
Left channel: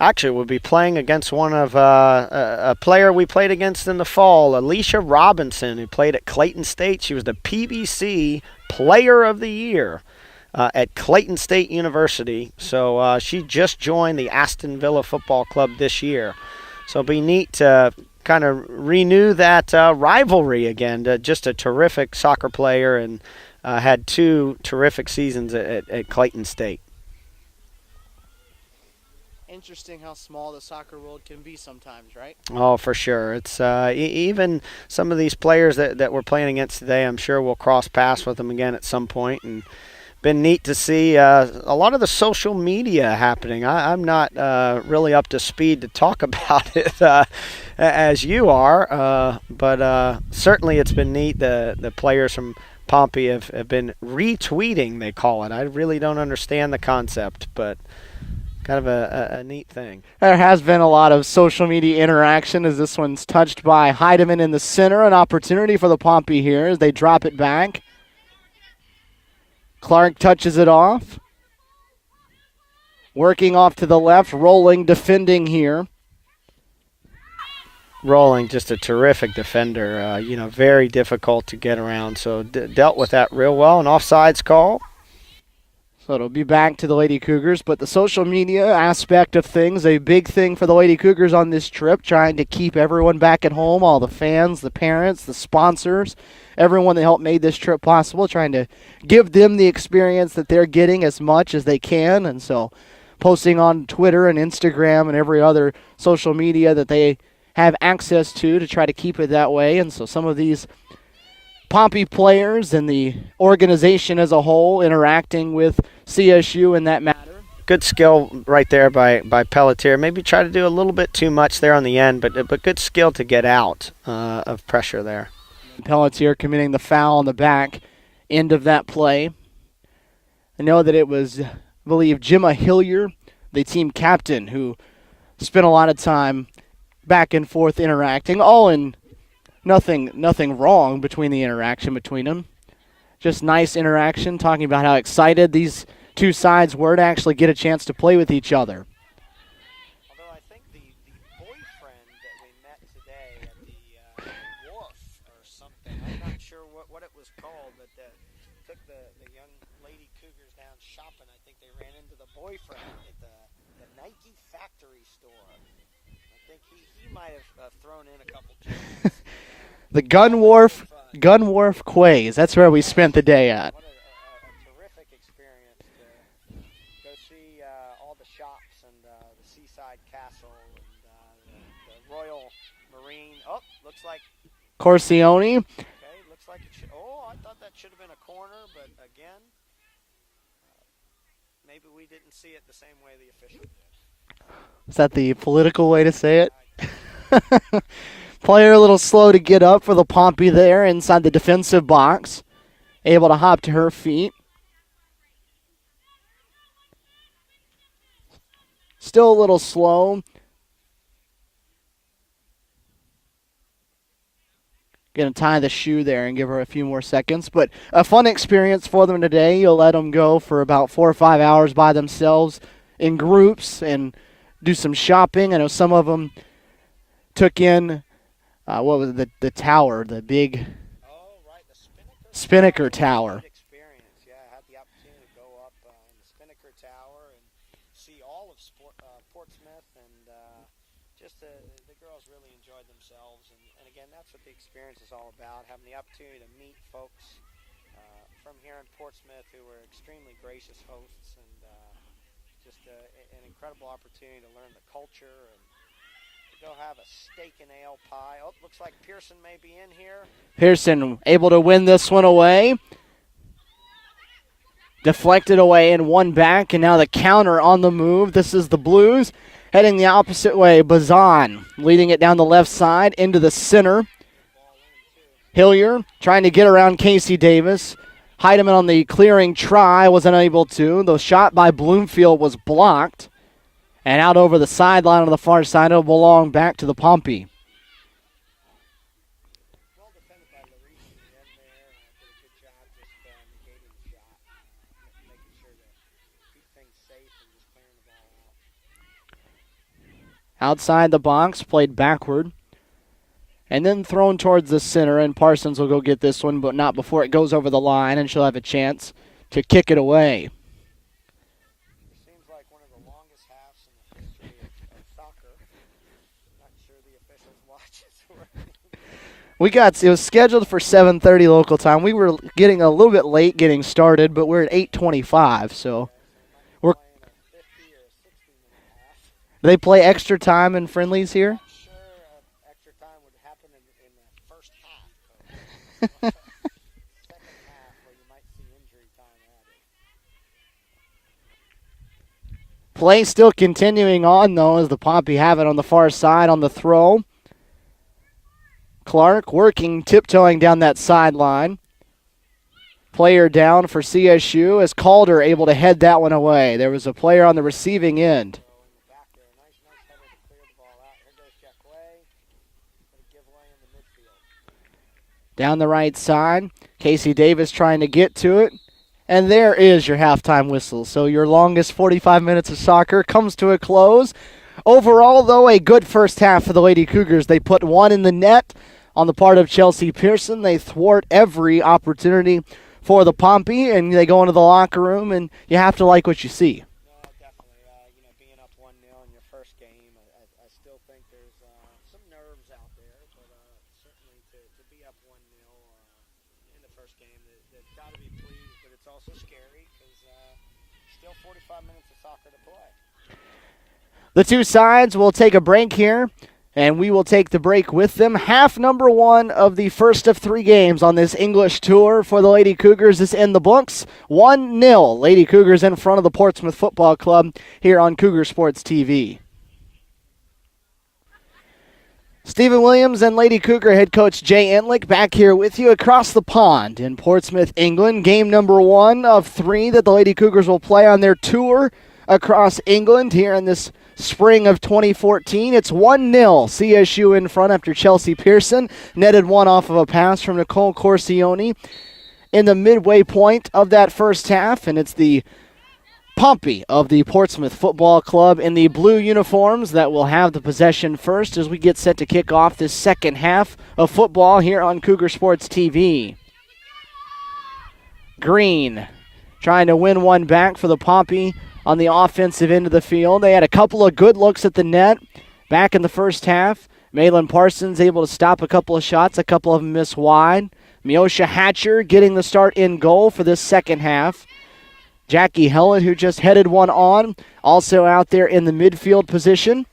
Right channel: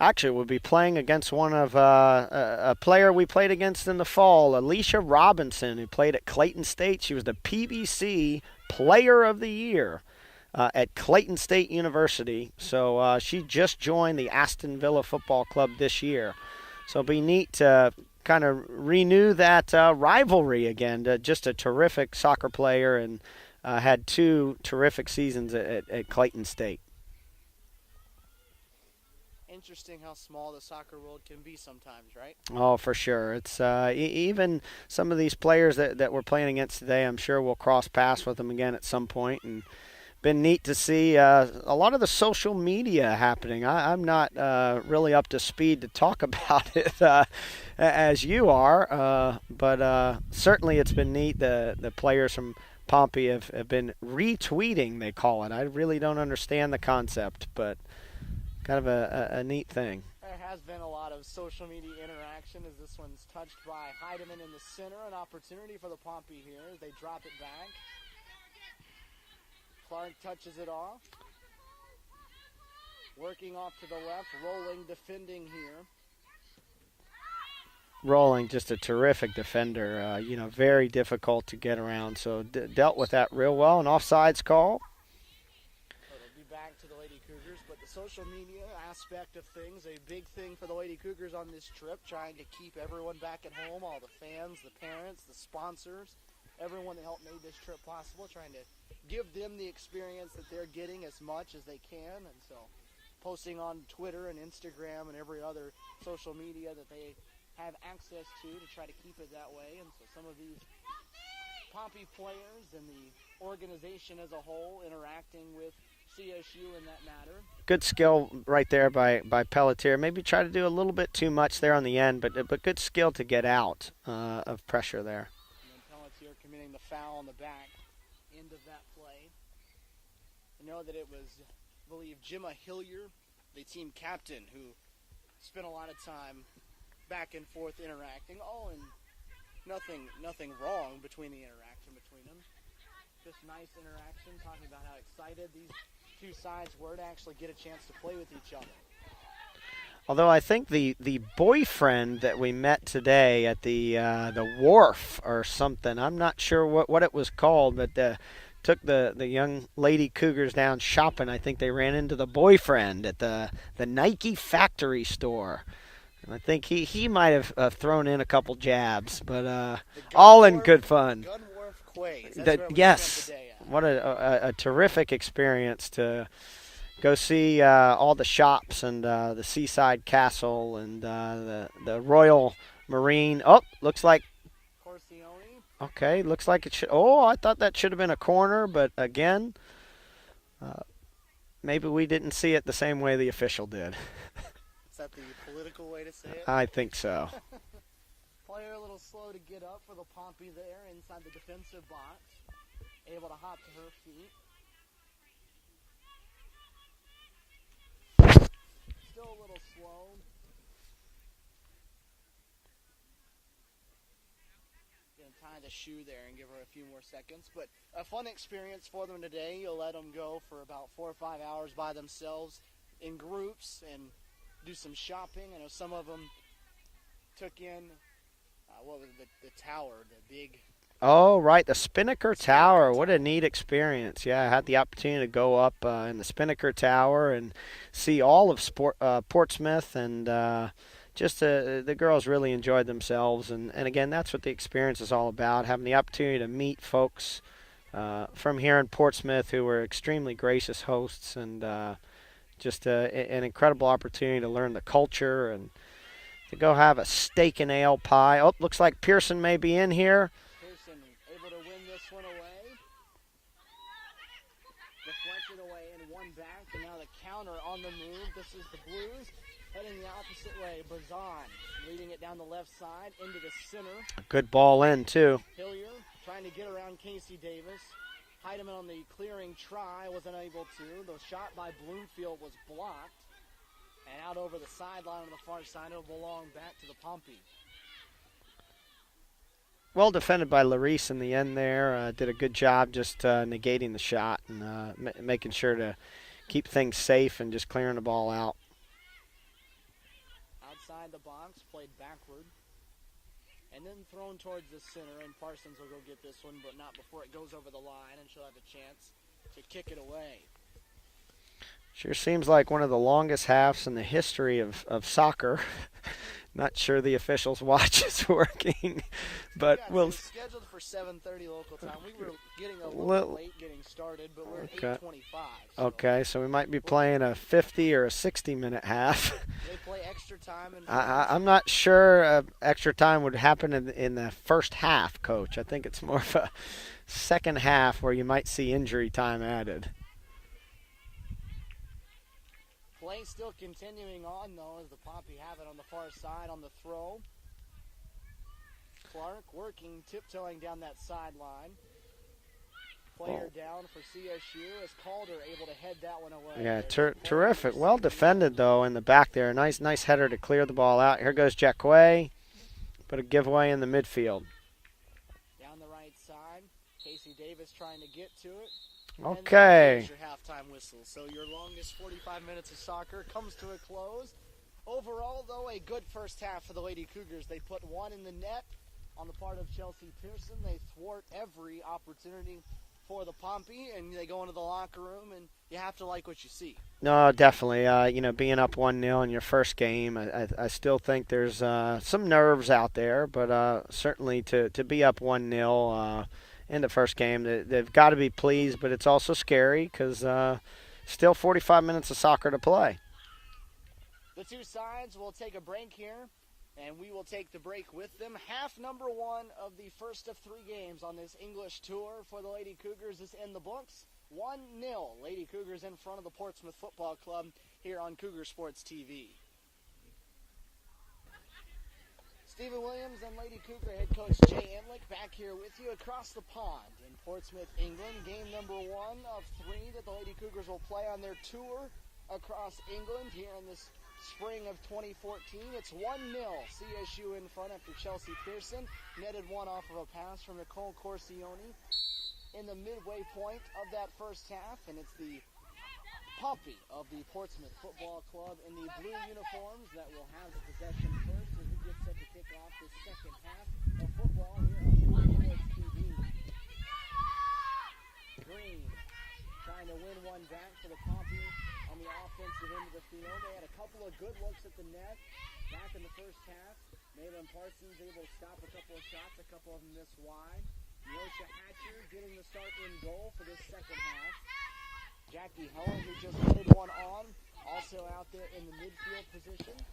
Actually, we'll be playing against one of a player we played against in the fall, Alicia Robinson, who played at Clayton State. She was the PBC Player of the Year at Clayton State University. So she just joined the Aston Villa Football Club this year. So it'll be neat to kind of renew that rivalry again. Just a terrific soccer player and had 2 terrific seasons at Clayton State. Interesting how small the soccer world can be sometimes, right? Oh, for sure. It's even some of these players that we're playing against today, I'm sure we'll cross paths with them again at some point. And been neat to see a lot of the social media happening. I'm not really up to speed to talk about it as you are, but certainly it's been neat. The players from Pompey have been retweeting, they call it. I really don't understand the concept, but kind of a neat thing. There has been a lot of social media interaction as this one's touched by Heidemann in the center. An opportunity for the Pompey here as they drop it back. Clark touches it off. Working off to the left, Rolling, defending here. Rolling, just a terrific defender. Very difficult to get around. So dealt with that real well. An offsides call. So it'll be back to the Lady Cougars. But the social media aspect of things, a big thing for the Lady Cougars on this trip, trying to keep everyone back at home, all the fans, the parents, the sponsors, everyone that helped made this trip possible, trying to give them the experience that they're getting as much as they can. And so posting on Twitter and Instagram and every other social media that they have access to try to keep it that way. And so some of these Pompey players and the organization as a whole interacting with CSU in that matter. Good skill right there by Pelletier. Maybe try to do a little bit too much there on the end, but good skill to get out of pressure there. Pelletier committing the foul on the back end of that play. I know that it was, I believe, Gemma Hillier, the team captain, who spent a lot of time back and forth interacting, all in nothing wrong between the interaction between them. Just nice interaction, talking about how excited these two sides were to actually get a chance to play with each other. Although I think the boyfriend that we met today at the wharf or something, I'm not sure what it was called, but took the young Lady Cougars down shopping. I think they ran into the boyfriend at the Nike factory store. I think he might have thrown in a couple jabs, but the Gun Wharf, good fun. Gun Wharf Quays. That's where we spent the day at. What a terrific experience to go see all the shops and the Seaside Castle and the Royal Marine. Oh, looks like Corsione. Okay, looks like it should. Oh, I thought that should have been a corner, but again, maybe we didn't see it the same way the official did. Is that the political way to say it? I think so. Player a little slow to get up for the Pompey there inside the defensive box. Able to hop to her feet. Still a little slow. Going to tie the shoe there and give her a few more seconds. But a fun experience for them today. You'll let them go for about 4 or 5 hours by themselves in groups and do some shopping. I know some of them took in, what was it, the tower, the big... Oh, right, the Spinnaker Tower. What a neat experience. Yeah, I had the opportunity to go up in the Spinnaker Tower and see all of Portsmouth, and just the girls really enjoyed themselves. And again, that's what the experience is all about, having the opportunity to meet folks from here in Portsmouth who were extremely gracious hosts, and just an incredible opportunity to learn the culture and to go have a steak and ale pie. Oh, looks like Pearson may be in here. Pearson able to win this one away. Deflected away and one back, and now the counter on the move. This is the Blues heading the opposite way. Bazan leading it down the left side into the center. Good ball in, too. Hillier trying to get around Casey Davis. Heidemann on the clearing try was unable to. The shot by Bloomfield was blocked. And out over the sideline on the far side, it'll belong back to the Pompey. Well defended by Larice in the end there. Did a good job just negating the shot and making sure to keep things safe and just clearing the ball out. Outside the box, played backward. And then thrown towards the center, and Parsons will go get this one, but not before it goes over the line, and she'll have a chance to kick it away. Sure seems like one of the longest halves in the history of soccer. Not sure the officials' watch is working. It was scheduled for 7:30 local time. We were getting a little bit late getting started, but we're at 8:25. So okay, so we might be playing a 50 or a 60-minute half. Do they play extra time in friendlies here? I'm not sure extra time would happen in the first half, Coach. I think it's more of a second half where you might see injury time added. Play still continuing on, though, as the Pompey have it on the far side on the throw. Clark working, tiptoeing down that sideline. player down for CSU as Calder able to head that one away. Yeah, there was a player on the terrific. receiving well defended, end. though, in the back there. Nice header to clear the ball out. Here goes Jacquet. Put a giveaway in the midfield. Down the right side, Casey Davis trying to get to it. Okay. And there is your halftime whistle. So your longest 45 minutes of soccer comes to a close. Overall, though, a good first half for the Lady Cougars. They put one in the net on the part of Chelsea Pearson. They thwart every opportunity for the Pompey, and they go into the locker room, and you have to like what you see. No, definitely. Being up 1-0 in your first game, I still think there's some nerves out there, but certainly to be up 1-0 in the first game, they've got to be pleased, but it's also scary because still 45 minutes of soccer to play. The two sides will take a break here, and we will take the break with them. Half number one of the first of three games on this English tour for the Lady Cougars is in the books. 1-0, Lady Cougars in front of the Portsmouth Football Club here on Cougar Sports TV. Stephen Williams and Lady Cougar head coach Jay Entlick back here with you across the pond in Portsmouth, England. Game number one of three that the Lady Cougars will play on their tour across England here in this spring of 2014. It's 1-0 CSU in front after Chelsea Pearson netted one off of a pass from Nicole Corsione in the midway point of that first half, and it's the Pompey of the Portsmouth Football Club in the blue uniforms that will have the possession first as we get set to kick off this second half of football here on Cougar Sports TV. Green trying to win one back for the Pompey on the offensive end of the field. They had a couple of good looks at the net back in the first half. Malin Parsons able to stop a couple of shots, a couple of them miss wide. Miosha Hatcher getting the start in goal for this second half. Jackie Hellett, who just headed one on, also out there in the midfield position.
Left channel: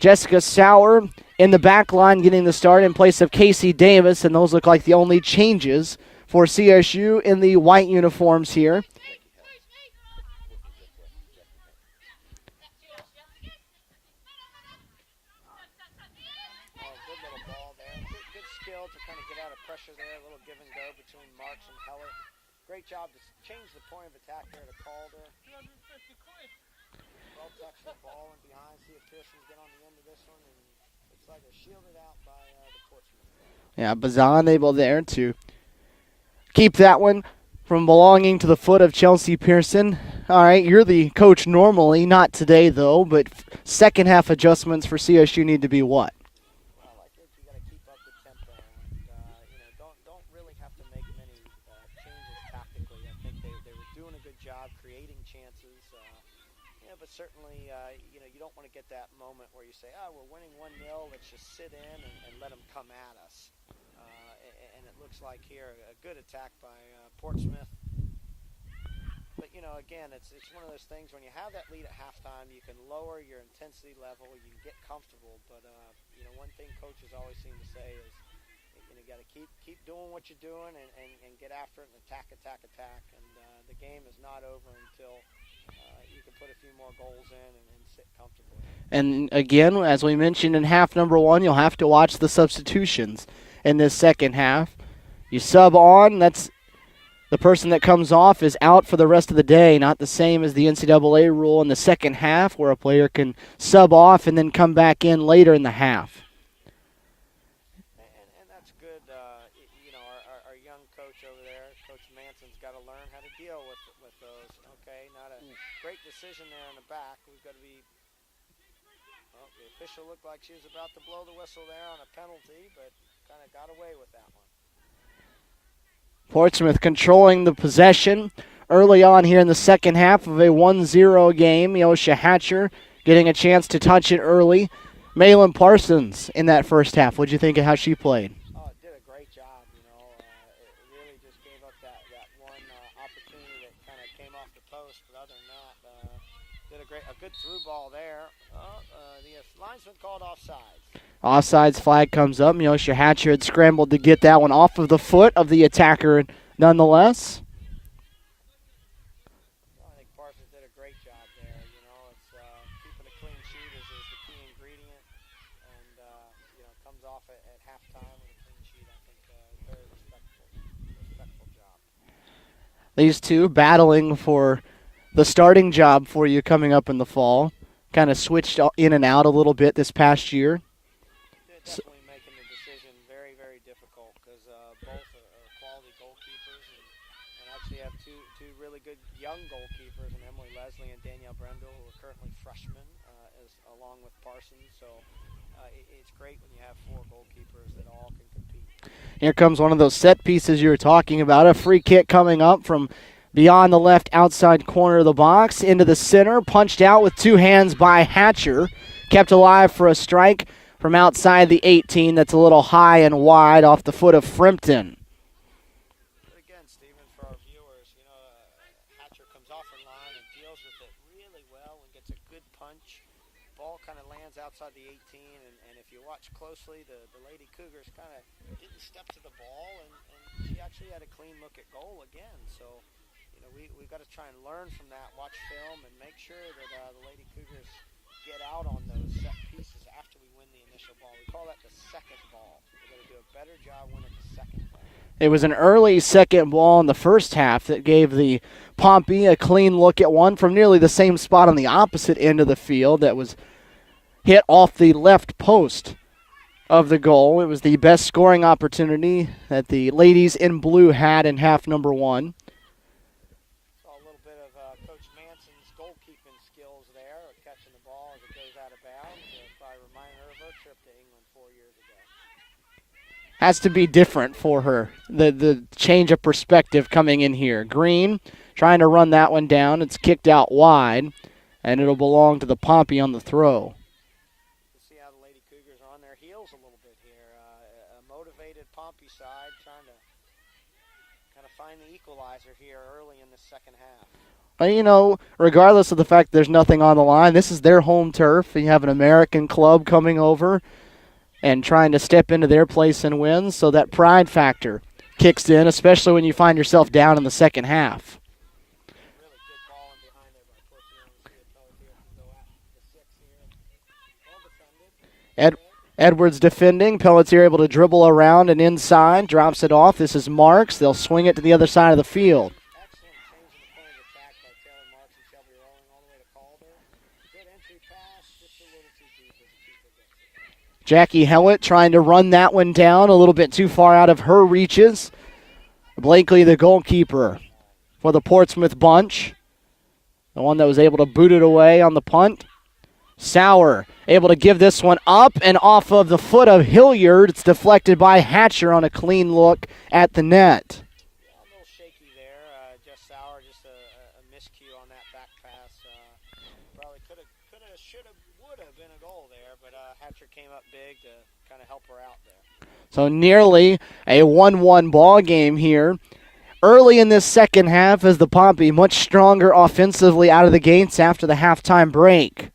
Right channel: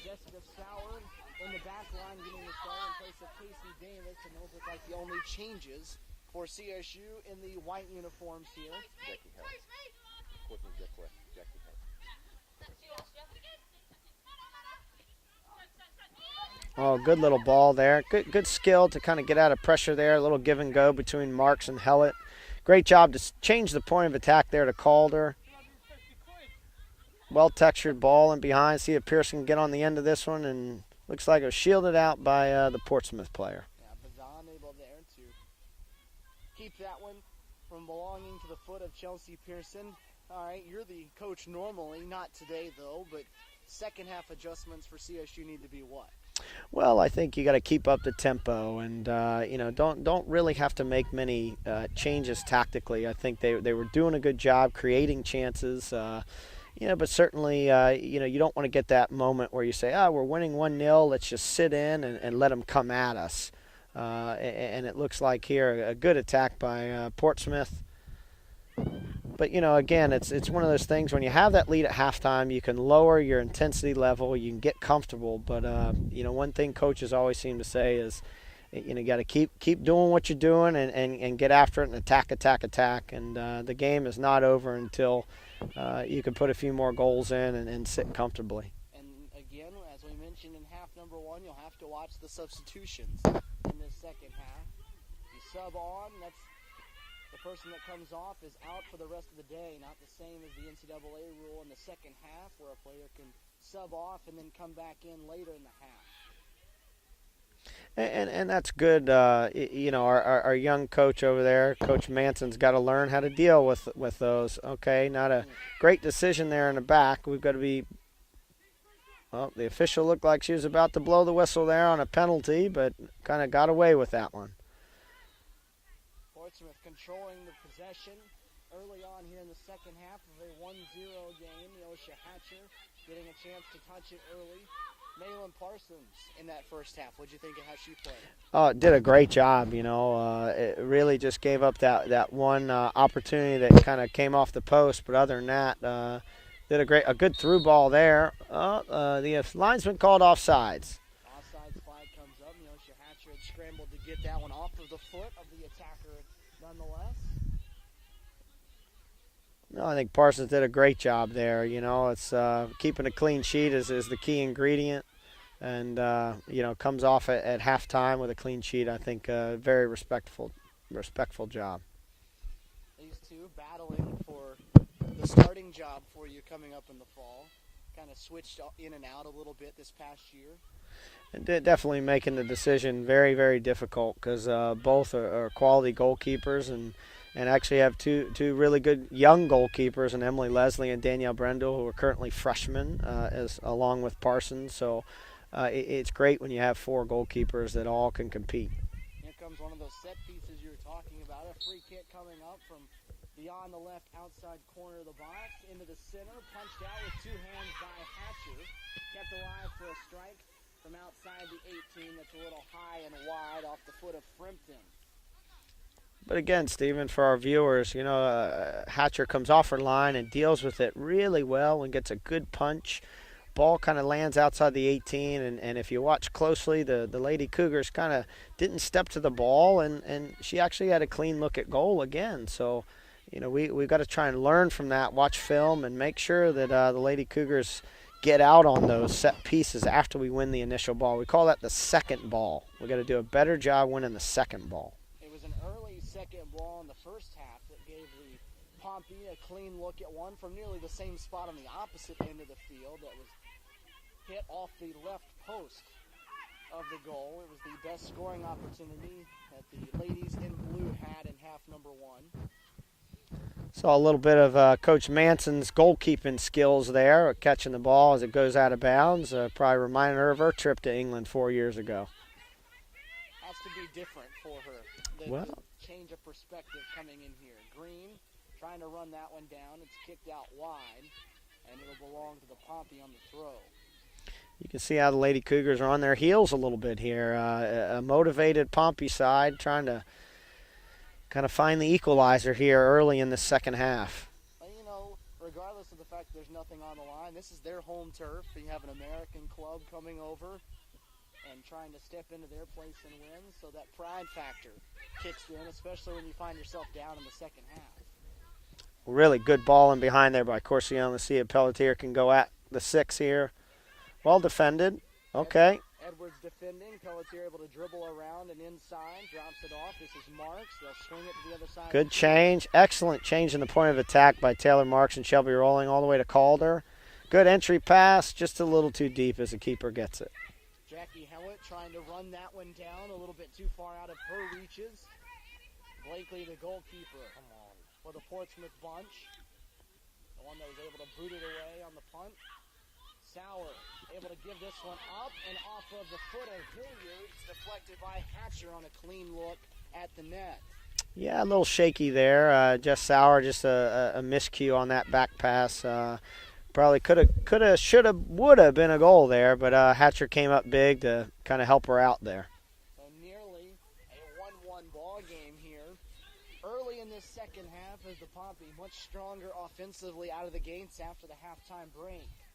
Jessica Sauer in the back line getting the start in place of Casey Davis, and those look like the only changes for CSU in the white uniforms here. Oh, good little ball there. Good skill to kind of get out of pressure there. A little give and go between Marks and Hellett. Great job to change the point of attack there to Calder. Well-textured ball in behind. See if Pearson can get on the end of this one, and looks like it was shielded out by the Portsmouth player. Yeah, Bazan able there to keep that one from belonging to the foot of Chelsea Pearson. All right, you're the coach normally, not today though, but second half adjustments for CSU need to be what? Well, I think you got to keep up the tempo, and don't really have to make many changes tactically. I think they were doing a good job creating chances, but certainly you don't want to get that moment where you say, we're winning 1-0, let's just sit in and let them come at us. And it looks like here a good attack by Portsmouth. But, again, it's one of those things when you have that lead at halftime, you can lower your intensity level, you can get comfortable. But, one thing coaches always seem to say is, you got to keep doing what you're doing and get after it and attack. And the game is not over until you can put a few more goals in and sit comfortably. And, again, as we mentioned in half number one, you'll have to watch the substitutions in this second half. You sub on, that's the person that comes off is out for the rest of the day, not the same as the NCAA rule in the second half where a player can sub off and then come back in later in the half. And that's good. Our young coach over there, Coach Manson's got to learn how to deal with those. Okay, not a great decision there in the back. We've got to be – well, the official looked like she was about to blow the whistle there on a penalty, but kind of got away with that one. Portsmouth controlling the possession early on here in the second half of a 1-0 game. Miosha Hatcher getting a chance to touch it early. Malin Parsons in that first half. What did you think of how she played? Oh, did a great job, It really just gave up that one opportunity that kind of came off the post, but other than that, did a good through ball there. The linesman called offsides. Offsides flag comes up. Miosha Hatcher had scrambled to get that one off of the foot of the attacker nonetheless. No, I think Parsons did a great job there. It's keeping a clean sheet is the key ingredient. And, comes off at halftime with a clean sheet. I think very respectful respectful job. These two battling for the starting job for you coming up in the fall. Kind of switched in and out a little bit this past year. Definitely making the decision very, very difficult because both are quality goalkeepers and actually have two really good young goalkeepers in Emily Leslie and Danielle Brendel, who are currently freshmen, along with Parsons. So it's great when you have 4 goalkeepers that all can compete. Here comes one of those set pieces you were talking about. A free kick coming up from beyond the left outside corner of the box into the center. Punched out with 2 hands by Hatcher. Kept alive for a strike from outside the 18. That's a little high and wide off the foot of Frimpton. But again, Stephen, for our viewers, Hatcher comes off her line and deals with it really well and gets a good punch. Ball kind of lands outside the 18, and if you watch closely, the Lady Cougars kind of didn't step to the ball, and she actually had a clean look at goal again. So, we've got to try and learn from that, watch film, and make sure that the Lady Cougars get out on those set pieces after we win the initial ball. We call that the second ball. We've got to do a better job winning the second ball. It was an early second ball in the first half that gave the Pompey a clean look at one from nearly the same spot on the opposite end of the field that was hit off the left post of the goal. It was the best scoring opportunity that the ladies in blue had in half number 1. Saw a little bit of Coach Manson's goalkeeping skills there, catching the ball as it goes out of bounds. Probably reminded her of her trip to England 4 years ago. Has to be different for her, the change of perspective coming in here. Green trying to run that one down. It's kicked out wide, and it'll belong to the Pompey on the throw. You can see how the Lady Cougars are on their heels a little bit here. A motivated Pompey side trying to kind of find the equalizer here early in the second half. Regardless of the fact there's nothing on the line, this is their home turf. You have an American club coming over and trying to step into their place and win, so that pride factor kicks in, especially when you find yourself down in the second half. Really good ball in behind there by Corsione. Let's see if Pelletier can go at the 6 here. Well defended. Okay. Edwards defending. Pelletier able to dribble around and inside. Drops it off. This is Marks. They'll swing it to the other side of the field. Excellent change in the point of attack by Taylor Marks and Shelby Rolling all the way to Calder. Good entry pass. Just a little too deep as the keeper gets it. Jackie Hellett trying to run that one down a little bit too far out of her reaches. Blakely, the goalkeeper for the Portsmouth bunch. The one that was able to boot it away on the punt. Sauer able to give this one up and off of the foot of Hilliard. It's deflected by Hatcher on a clean look at the net. Yeah, a little shaky there. Jess Sauer, just a miscue on that back pass. Probably coulda, shoulda, woulda been a goal there, but Hatcher came up big to kind of help her out there. So nearly a 1-1 ball game here. Early in this second half as the Pompey much stronger offensively out of the gates after the halftime break.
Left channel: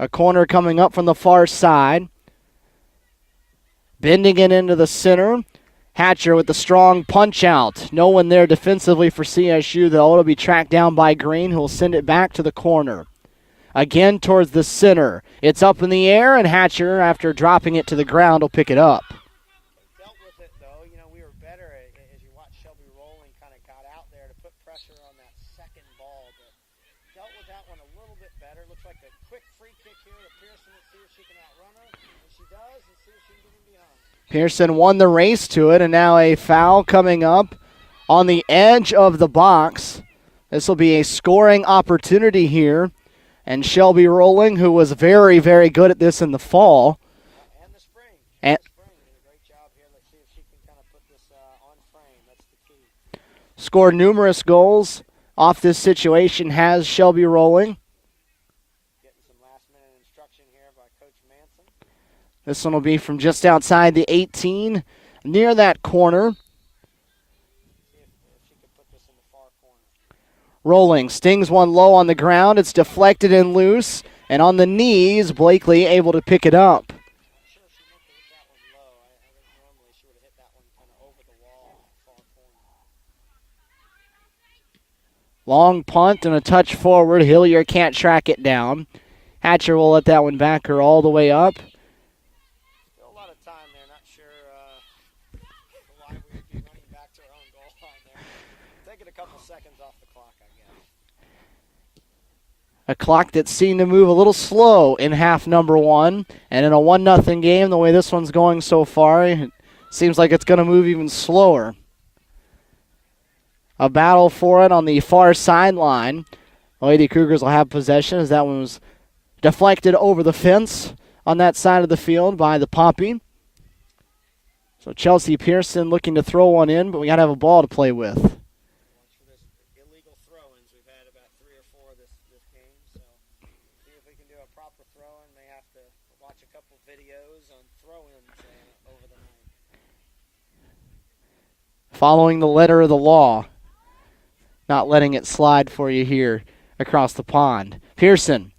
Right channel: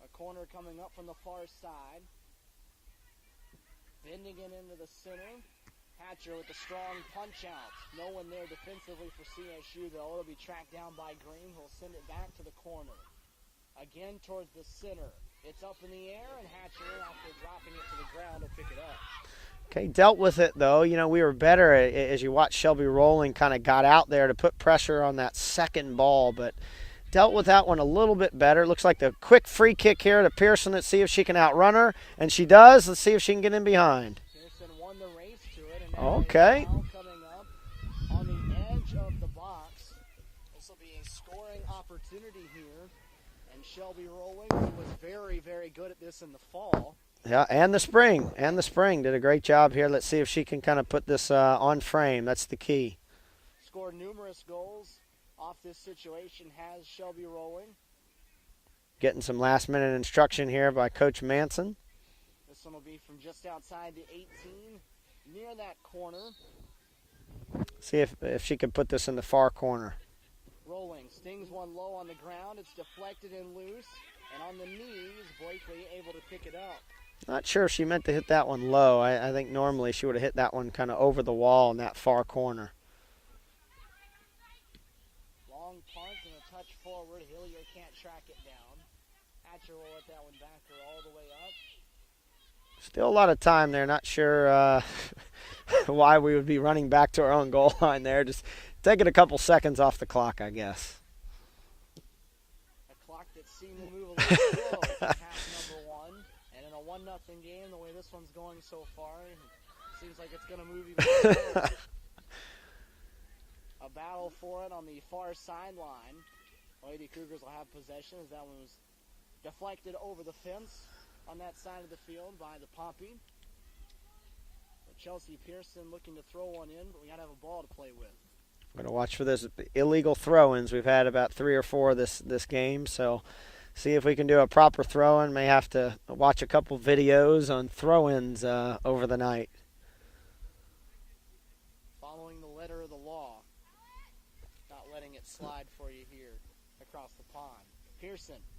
A corner coming up from the far side. Bending it into the center. Hatcher with the strong punch out. No one there defensively for CSU. That'll be tracked down by Green, who will send it back to the corner. Again towards the center. It's up in the air, and Hatcher, after dropping it to the ground, will pick it up. Okay, dealt with it, though. We were better as you watch Shelby Rolling kind of got out there to put pressure on that second ball, but dealt with that one a little bit better. Looks like the quick free kick here to Pearson. Let's see if she can outrun her, and she does. Let's see if she can get in behind. Pearson won the race to it, and now a foul coming up on the edge of the box. This will be a scoring opportunity here. And Shelby Rolling, who was very, very good at this in the fall. Yeah, and the spring. And the spring did a great job here. Let's see if she can kind of put this on frame. That's the key. Scored numerous goals off this situation has Shelby Rolling. Getting some last-minute instruction here by Coach Manson. This one will be from just outside the 18, near that corner. See if she can put this in the far corner. Rolling, stings one low on the ground. It's deflected and loose. And on the knees, Blakely able to pick it up. Not sure if she meant to hit that one low. I think normally she would have hit that one kind of over the wall in that far corner. Long punt and a touch forward. Hillier can't track it down. Hatcher will let that one back her all the way up. Still a lot of time there. Not sure why we would be running back to our own goal line there. Just taking a couple seconds off the clock, I guess. A clock that seemed to move a little slow in half number one. And in a 1-0 game, the way this one's going so far, it seems like it's going to move even slower. A battle for it on the far sideline. The Lady Cougars will have possession as that one was deflected over the fence on that side of the field by the Poppy. So Chelsea Pearson looking to throw one in, but we got to have a ball to play with. Going to watch for those illegal throw-ins. We've had about 3 or 4 this game, so see if we can do a proper throw-in. May have to watch a couple videos on throw-ins over the night. Following the letter of the law. Not letting it slide for you here across the pond. Pearson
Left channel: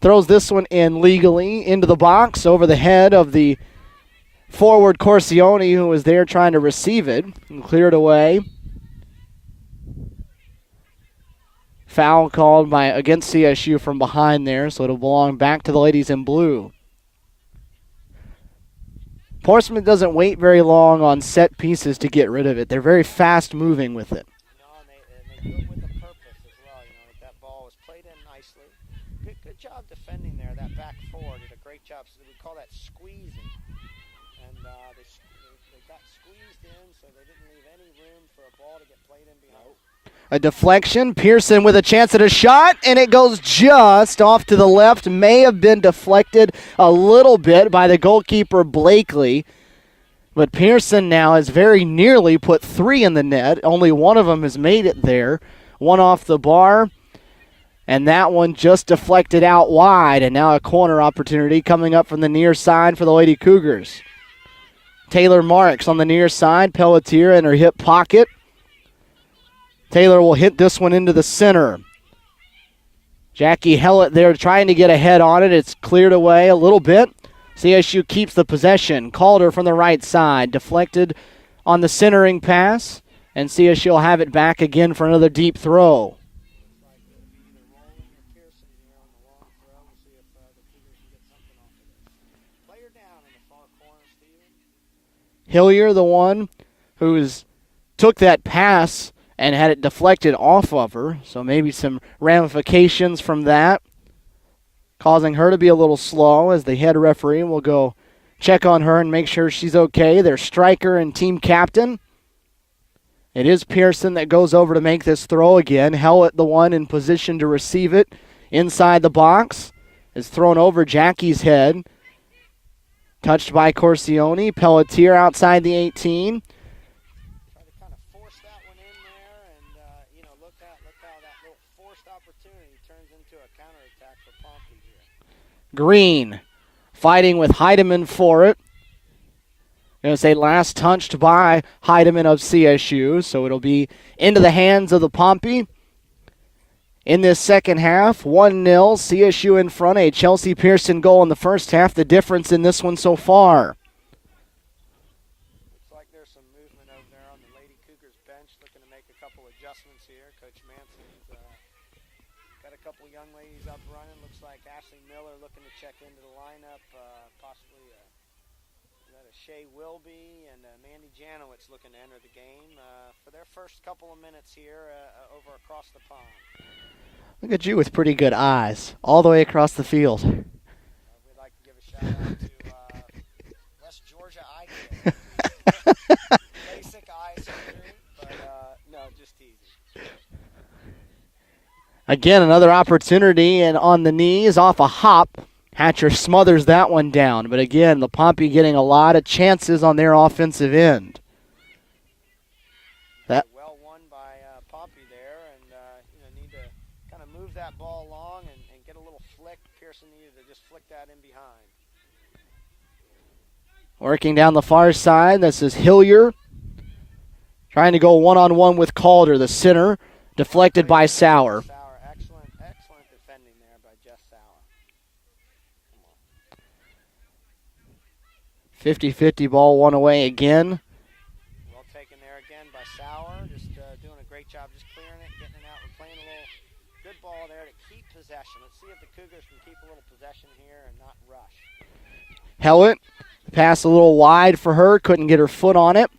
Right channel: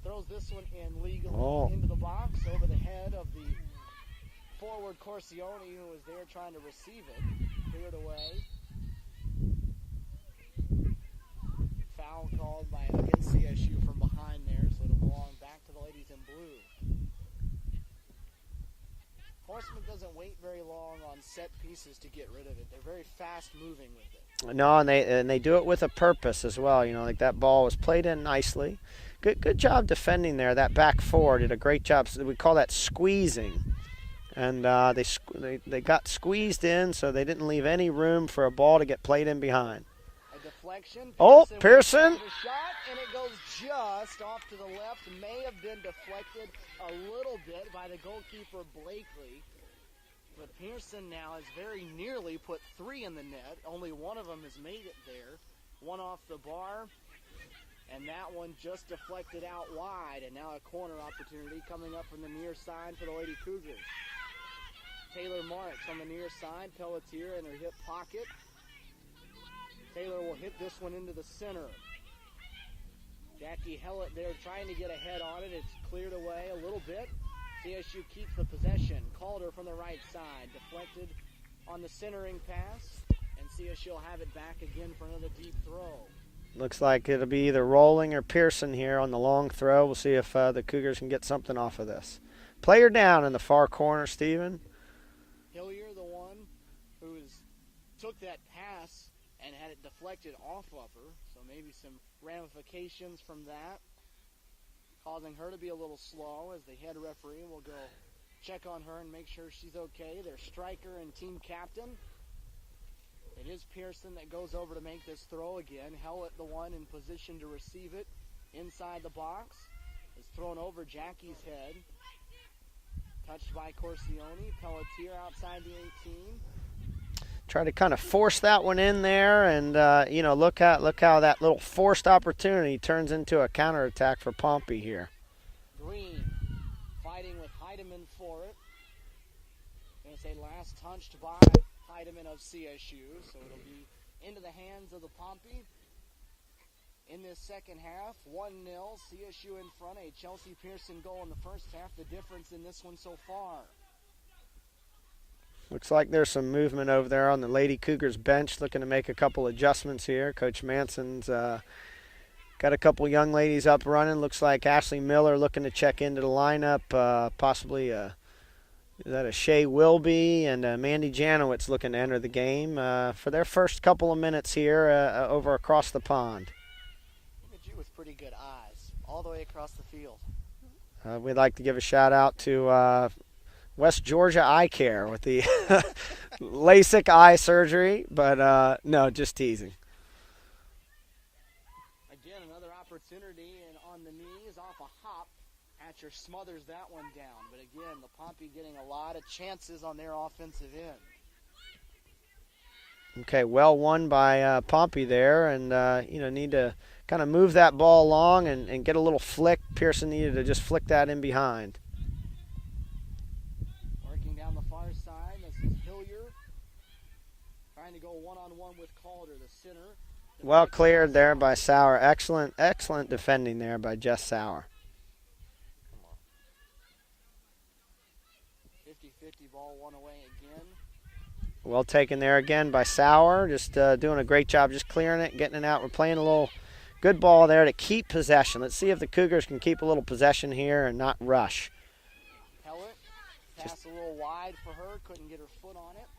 throws this one in legally into the box over the head of the forward Corsione, who was there trying to receive it, and cleared away. Foul called against CSU from behind there, so it'll belong back to the ladies in blue. Portsmouth doesn't wait very long on set pieces to get rid of it. They're very fast moving with it. No, and they do it with a purpose as well. You know, like that ball was played in nicely. Good job defending there. That back four did a great job. So we call that squeezing. And they got squeezed in, so they didn't leave any room for a ball to get played in behind. A deflection. Pearson with a chance at a shot, and it goes just off to the left. May have been deflected a little bit by the goalkeeper, Blakely. But Pearson now has very nearly put 3 in the net. Only one of them has made it there. One off the bar, and that one just deflected out wide. And now a corner opportunity coming up from the near side for the Lady Cougars. Taylor Marks on the near side. Pelletier in her hip pocket. Taylor will hit this one into the center. Jackie Hellett there trying to get ahead on it. It's cleared away a little bit. CSU keeps the possession. Calder from the right side. Deflected on the centering pass. And CSU will have it back again for another deep throw. Looks like it'll be either Rolling or Pearson here on the long throw. We'll see if the Cougars can get something off of this. Player down in the far corner, Stephen. Hillier, the one who took that pass and had it deflected off of her. So maybe some ramifications from that, causing her to be a little slow as the head referee will go check on her and make sure she's okay. Their striker and team captain. It is Pearson that goes over to make this throw again. Hellett, the one in position to receive it inside the box, is thrown over Jackie's head. Touched by Corsione. Pelletier outside the 18. Try to kind of force that one in there, and look how that little forced opportunity turns into a counterattack for Pompey here. Green fighting with Heidemann for it. Going to say last touched by Heidemann of CSU, so it'll be into the hands of the Pompey. In this second half, 1-0, CSU in front, a Chelsea Pearson goal in the first half, the difference in this one so far. Looks like there's some movement over there on the Lady Cougars bench, looking to make a couple adjustments here. Coach Manson's got a couple young ladies up running. Looks like Ashley Miller looking to check into the lineup, possibly is that a Shea Wilby, and Mandy Janowitz looking to enter the game for their first couple of minutes here over across the pond. Look at you with pretty good eyes all the way across the field. We'd like to give a shout out to West Georgia Eye Care with the LASIK eye surgery, but no, just teasing. Again, another opportunity, and on the knees, off a hop. Hatcher smothers that one down. But again, the Pompey getting a lot of chances on their offensive end. Okay, well won by Pompey there, and need to kind of move that ball along and get a little flick. Pearson needed to just flick that in behind. Working down the far side, this is Hillier. Trying to go one-on-one with Calder, the center. Deflected by Sauer. Excellent defending there by Jess Sauer. 50-50 ball one away again. Well taken there again by Sauer. Just doing a great job just clearing it, getting it out. We're playing a little good ball there to keep possession. Let's see if the Cougars can keep a little possession here and not rush. Hellett, pass a little wide for her. Couldn't get her foot on it.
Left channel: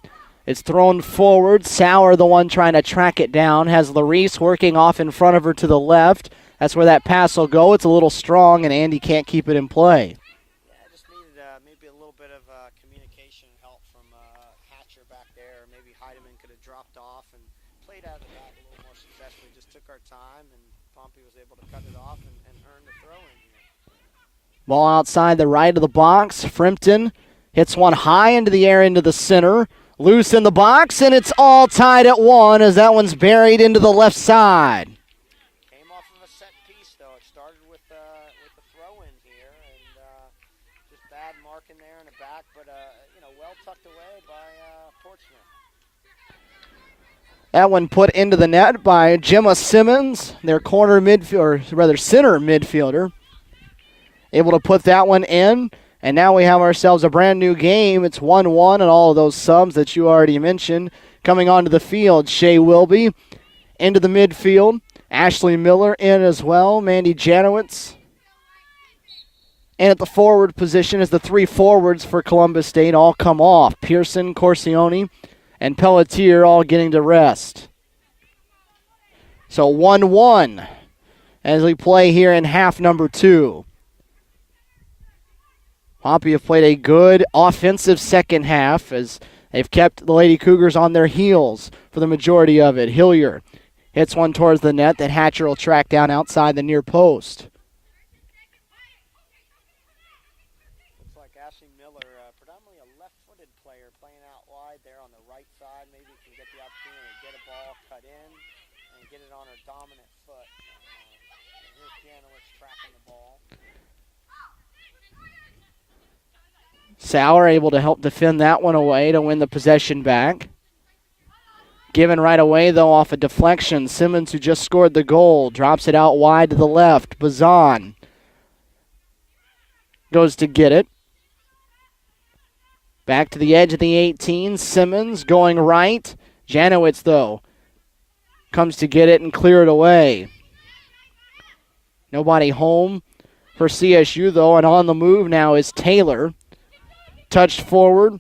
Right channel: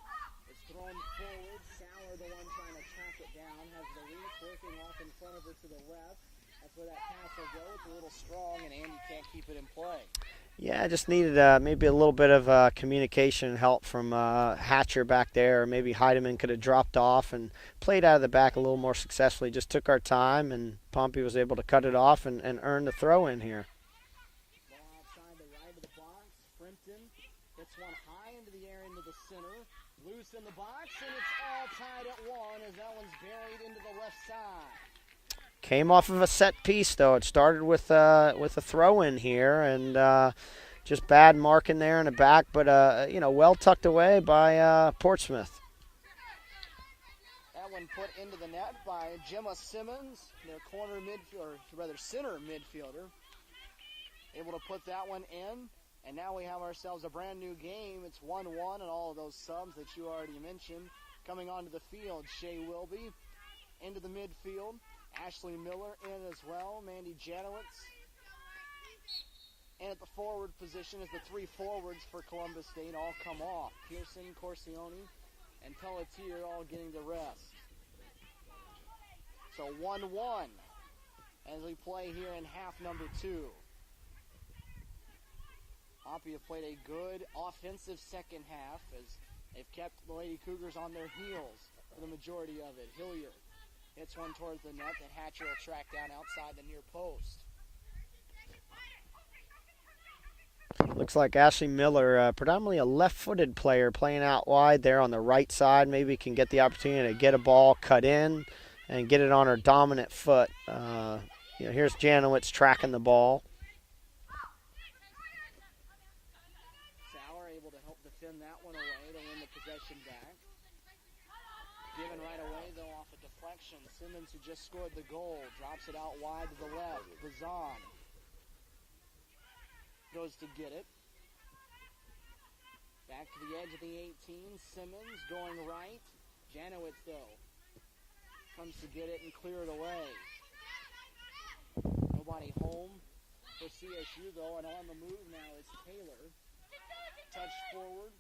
It's thrown forward. Sauer, the one trying to track it down, has Larice working off in front of her to the left. That's where that pass will go. It's a little strong, and Andy can't keep it in play. Yeah, I just needed maybe a little bit of communication and help from Hatcher back there. Or maybe Heidemann could have dropped off and played out of the back a little more successfully. Just took our time, and Pompey was able to cut it off and earn the throw in here. Ball outside the right of the box. Frimpton hits one high into the air into the center. Loose in the box, and it's all tied at 1 as that one's buried into the left side. Came off of a set piece, though. It started with a throw-in here, and just bad marking there in the back, but well tucked away by Portsmouth. That one put into the net by Gemma Simmons, their center midfielder. Able to put that one in, and now we have ourselves a brand new game. It's 1-1, and all of those subs that you already mentioned coming onto the field. Shea Wilby into the midfield. Ashley Miller in as well. Mandy Janowitz. And at the forward position is the 3 forwards for Columbus State all come off. Pearson, Corsione, and Pelletier all getting to rest. So 1-1 as we play here in half number 2. Pompey have played a good offensive second half as they've kept the Lady Cougars on their heels for the majority of it. Hillier hits one towards the net that Hatcher will track down outside the near post. Looks like Ashley Miller, predominantly a left-footed player, playing out wide there on the right side. Maybe can get the opportunity to get a ball cut in and get it on her dominant foot. Here's Janowitz tracking the ball. Sauer able to help defend that one away to win the possession back. Given right away, though, off a deflection. Simmons, who just scored the goal, drops it out wide to the left. Bazan goes to get it. Back to the edge of the 18. Simmons going right. Janowitz, though, comes to get it and clear it away. Nobody home for CSU, though, and on the move now is Taylor. Touched forward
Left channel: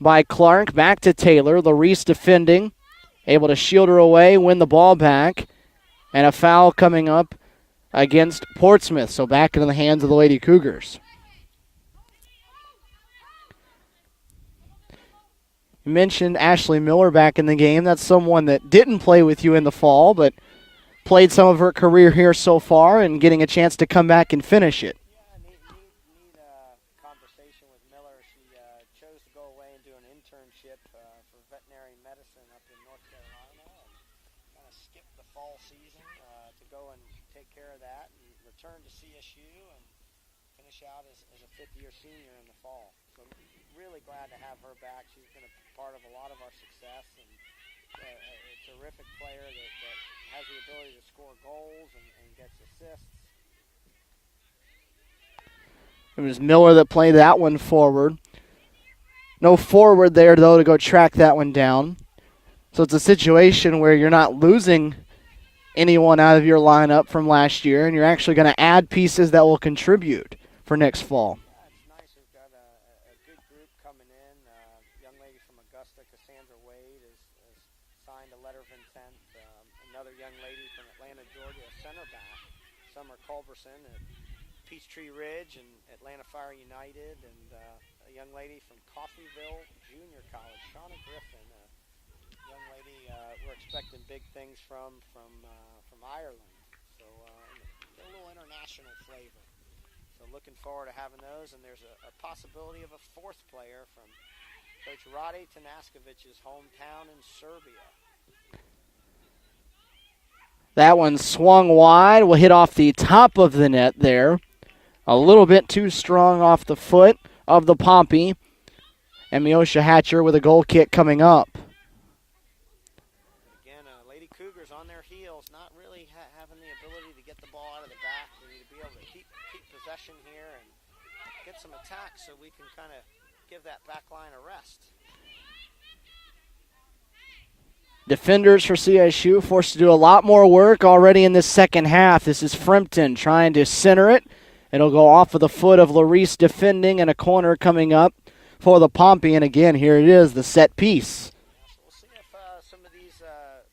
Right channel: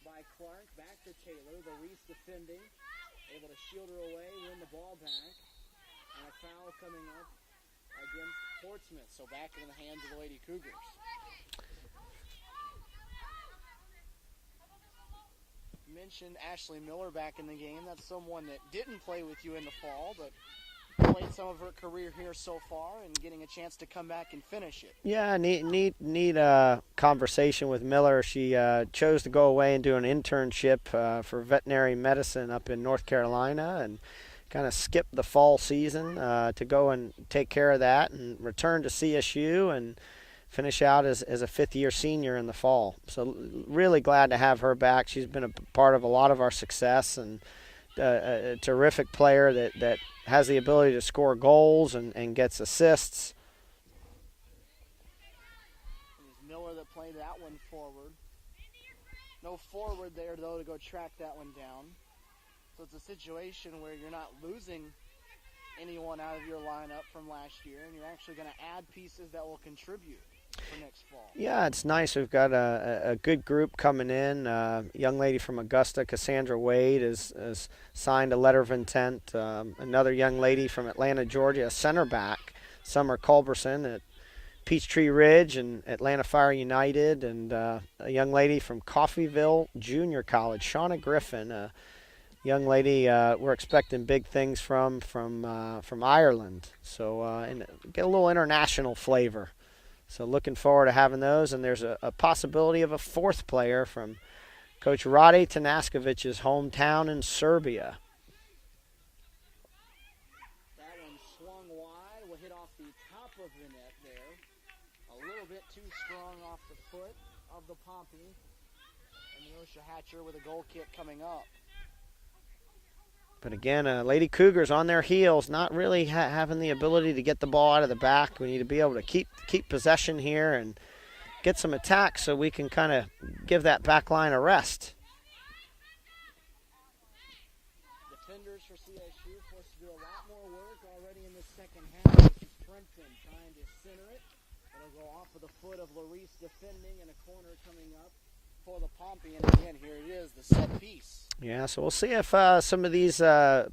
by Clark. Back to Taylor. Larice defending. Able to shield her away, win the ball back. And a foul coming up against Portsmouth. So back into the hands of the Lady Cougars. You mentioned Ashley Miller back in the game. That's someone that didn't play with you in the fall, but played some of her career here so far and getting a chance to come back and finish it. Yeah, neat conversation with Miller. She chose to go away and do an internship for veterinary medicine up in North Carolina and kind of skip the fall season to go and take care of that and return to CSU and finish out as a fifth-year senior in the fall. So really glad to have her back. She's been a part of a lot of our success and a terrific player that has the ability to score goals and gets assists. It was Miller that played that one forward. No forward there, though, to go track that one down. So it's a situation where you're not losing anyone out of your lineup from last year, and you're actually going to add pieces that will contribute for next fall. Yeah, it's nice. We've got a good group coming in. Young lady from Augusta, Cassandra Wade, has signed a letter of intent. Another young lady from Atlanta, Georgia, a center back, Summer Culberson at Peachtree Ridge and Atlanta Fire United, and a young lady from Coffeyville Junior College, Shauna Griffin, a young lady we're expecting big things from Ireland. So and get a little international flavor. So looking forward to having those, and there's a possibility of a fourth player from Coach Rade Tanaskovic's hometown in Serbia. That one swung wide, will hit off the top of the net there. A little bit too strong off the foot of the Pompey. And Miosha Hatcher with a goal kick coming up. But again, Lady Cougars on their heels, not really having the ability to get the ball out of the back. We need to be able to keep possession here and get some attacks so we can kind of give that back line a rest. Defenders for CSU forced to do a lot more work already in this second half. This is Frimpton trying to center it. It'll go off of the foot of Larice defending, and a corner coming up for the Pompey. And again, here it is, the set piece. Yeah, so we'll see if some of these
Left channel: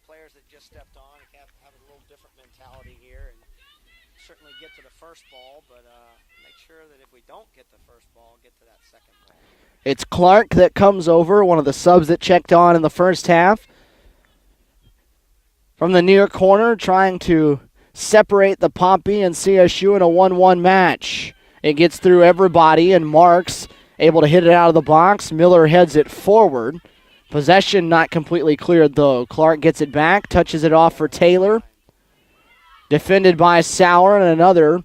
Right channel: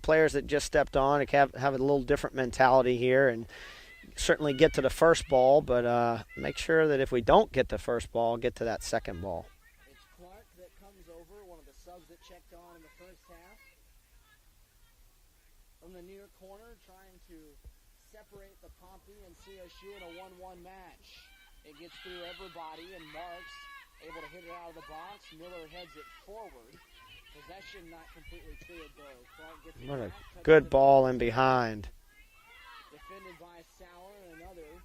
players that just stepped on have a little different mentality here and certainly get to the first ball, but make sure that if we don't get the first ball, get to that second ball. It's Clark that comes over, one of the subs that checked on in the first half. From the near corner, trying to separate the Pompey and CSU in a 1-1 match. It gets through everybody, and Marks able to hit it out of the box. Miller heads it forward. Possession not completely cleared, though. Clark gets it back, touches it off for Taylor. Behind. Defended by Sauer, and another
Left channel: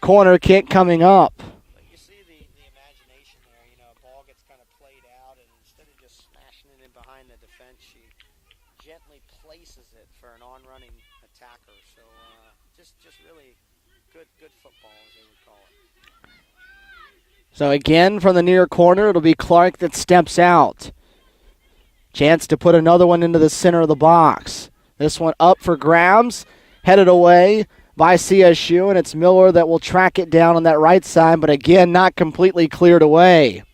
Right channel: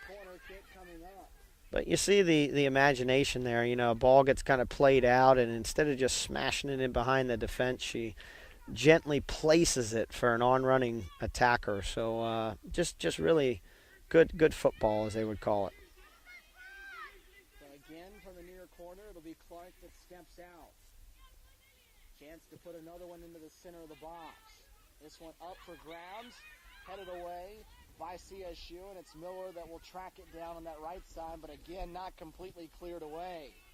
corner kick coming up. But you see the imagination there. You know, a ball gets kind of played out, and instead of just smashing it in behind the defense, she gently places it for an on-running attacker. So just really good football, as they would call it. So again, from the near corner, it'll be Clark that steps out. Chance to put another one into the center of the box. This one up for grabs, headed away by CSU, and it's Miller that will track it down on that right side, but again, not completely cleared away.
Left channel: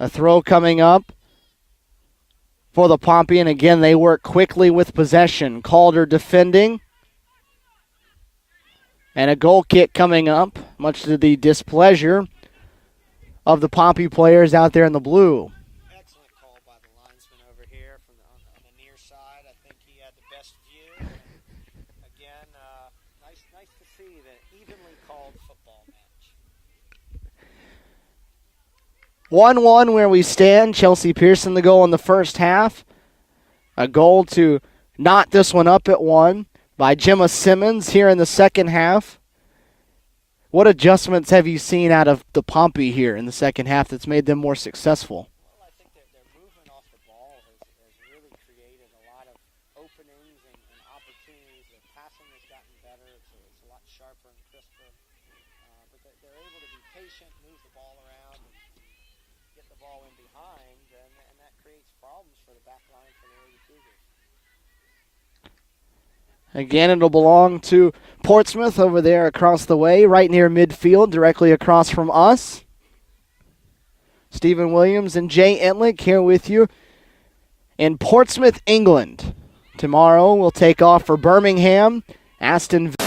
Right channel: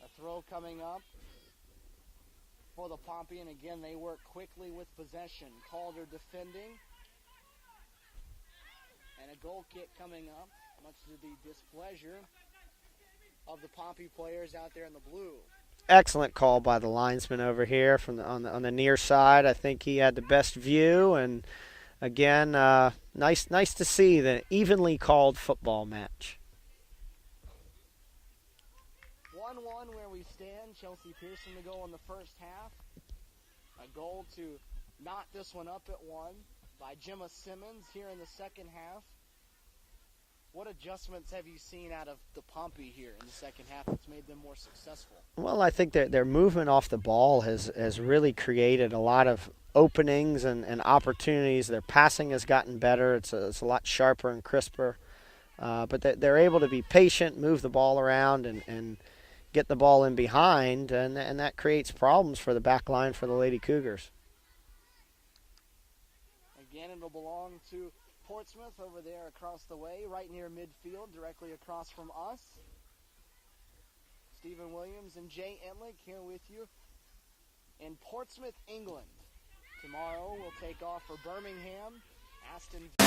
A throw coming up for the Pompey, and again, they work quickly with possession. Calder defending. And a goal kick coming up, much to the displeasure of the Pompey players out there in the blue. Excellent call by the linesman over here from on the near side. I think he had the best view, and again, nice to see the evenly called football match. 1-1 where we stand. Chelsea Pearson the goal in the first half. A goal to knot this one up at 1 by Gemma Simmons here in the second half. What adjustments have you seen out of the Pompey here in the second half that's made them more successful? Well, I think their movement off the ball has really created a lot of openings and opportunities. Their passing has gotten better. It's a lot sharper and crisper. But they're able to be patient, move the ball around, and get the ball in behind, and that creates problems for the back line for the Lady Cougars. Again, it'll belong to Portsmouth over there across the way, right near midfield, directly across from us. Stephen Williams and Jay Entlick here with you in Portsmouth, England. Tomorrow we'll take off for Birmingham, Aston Villa.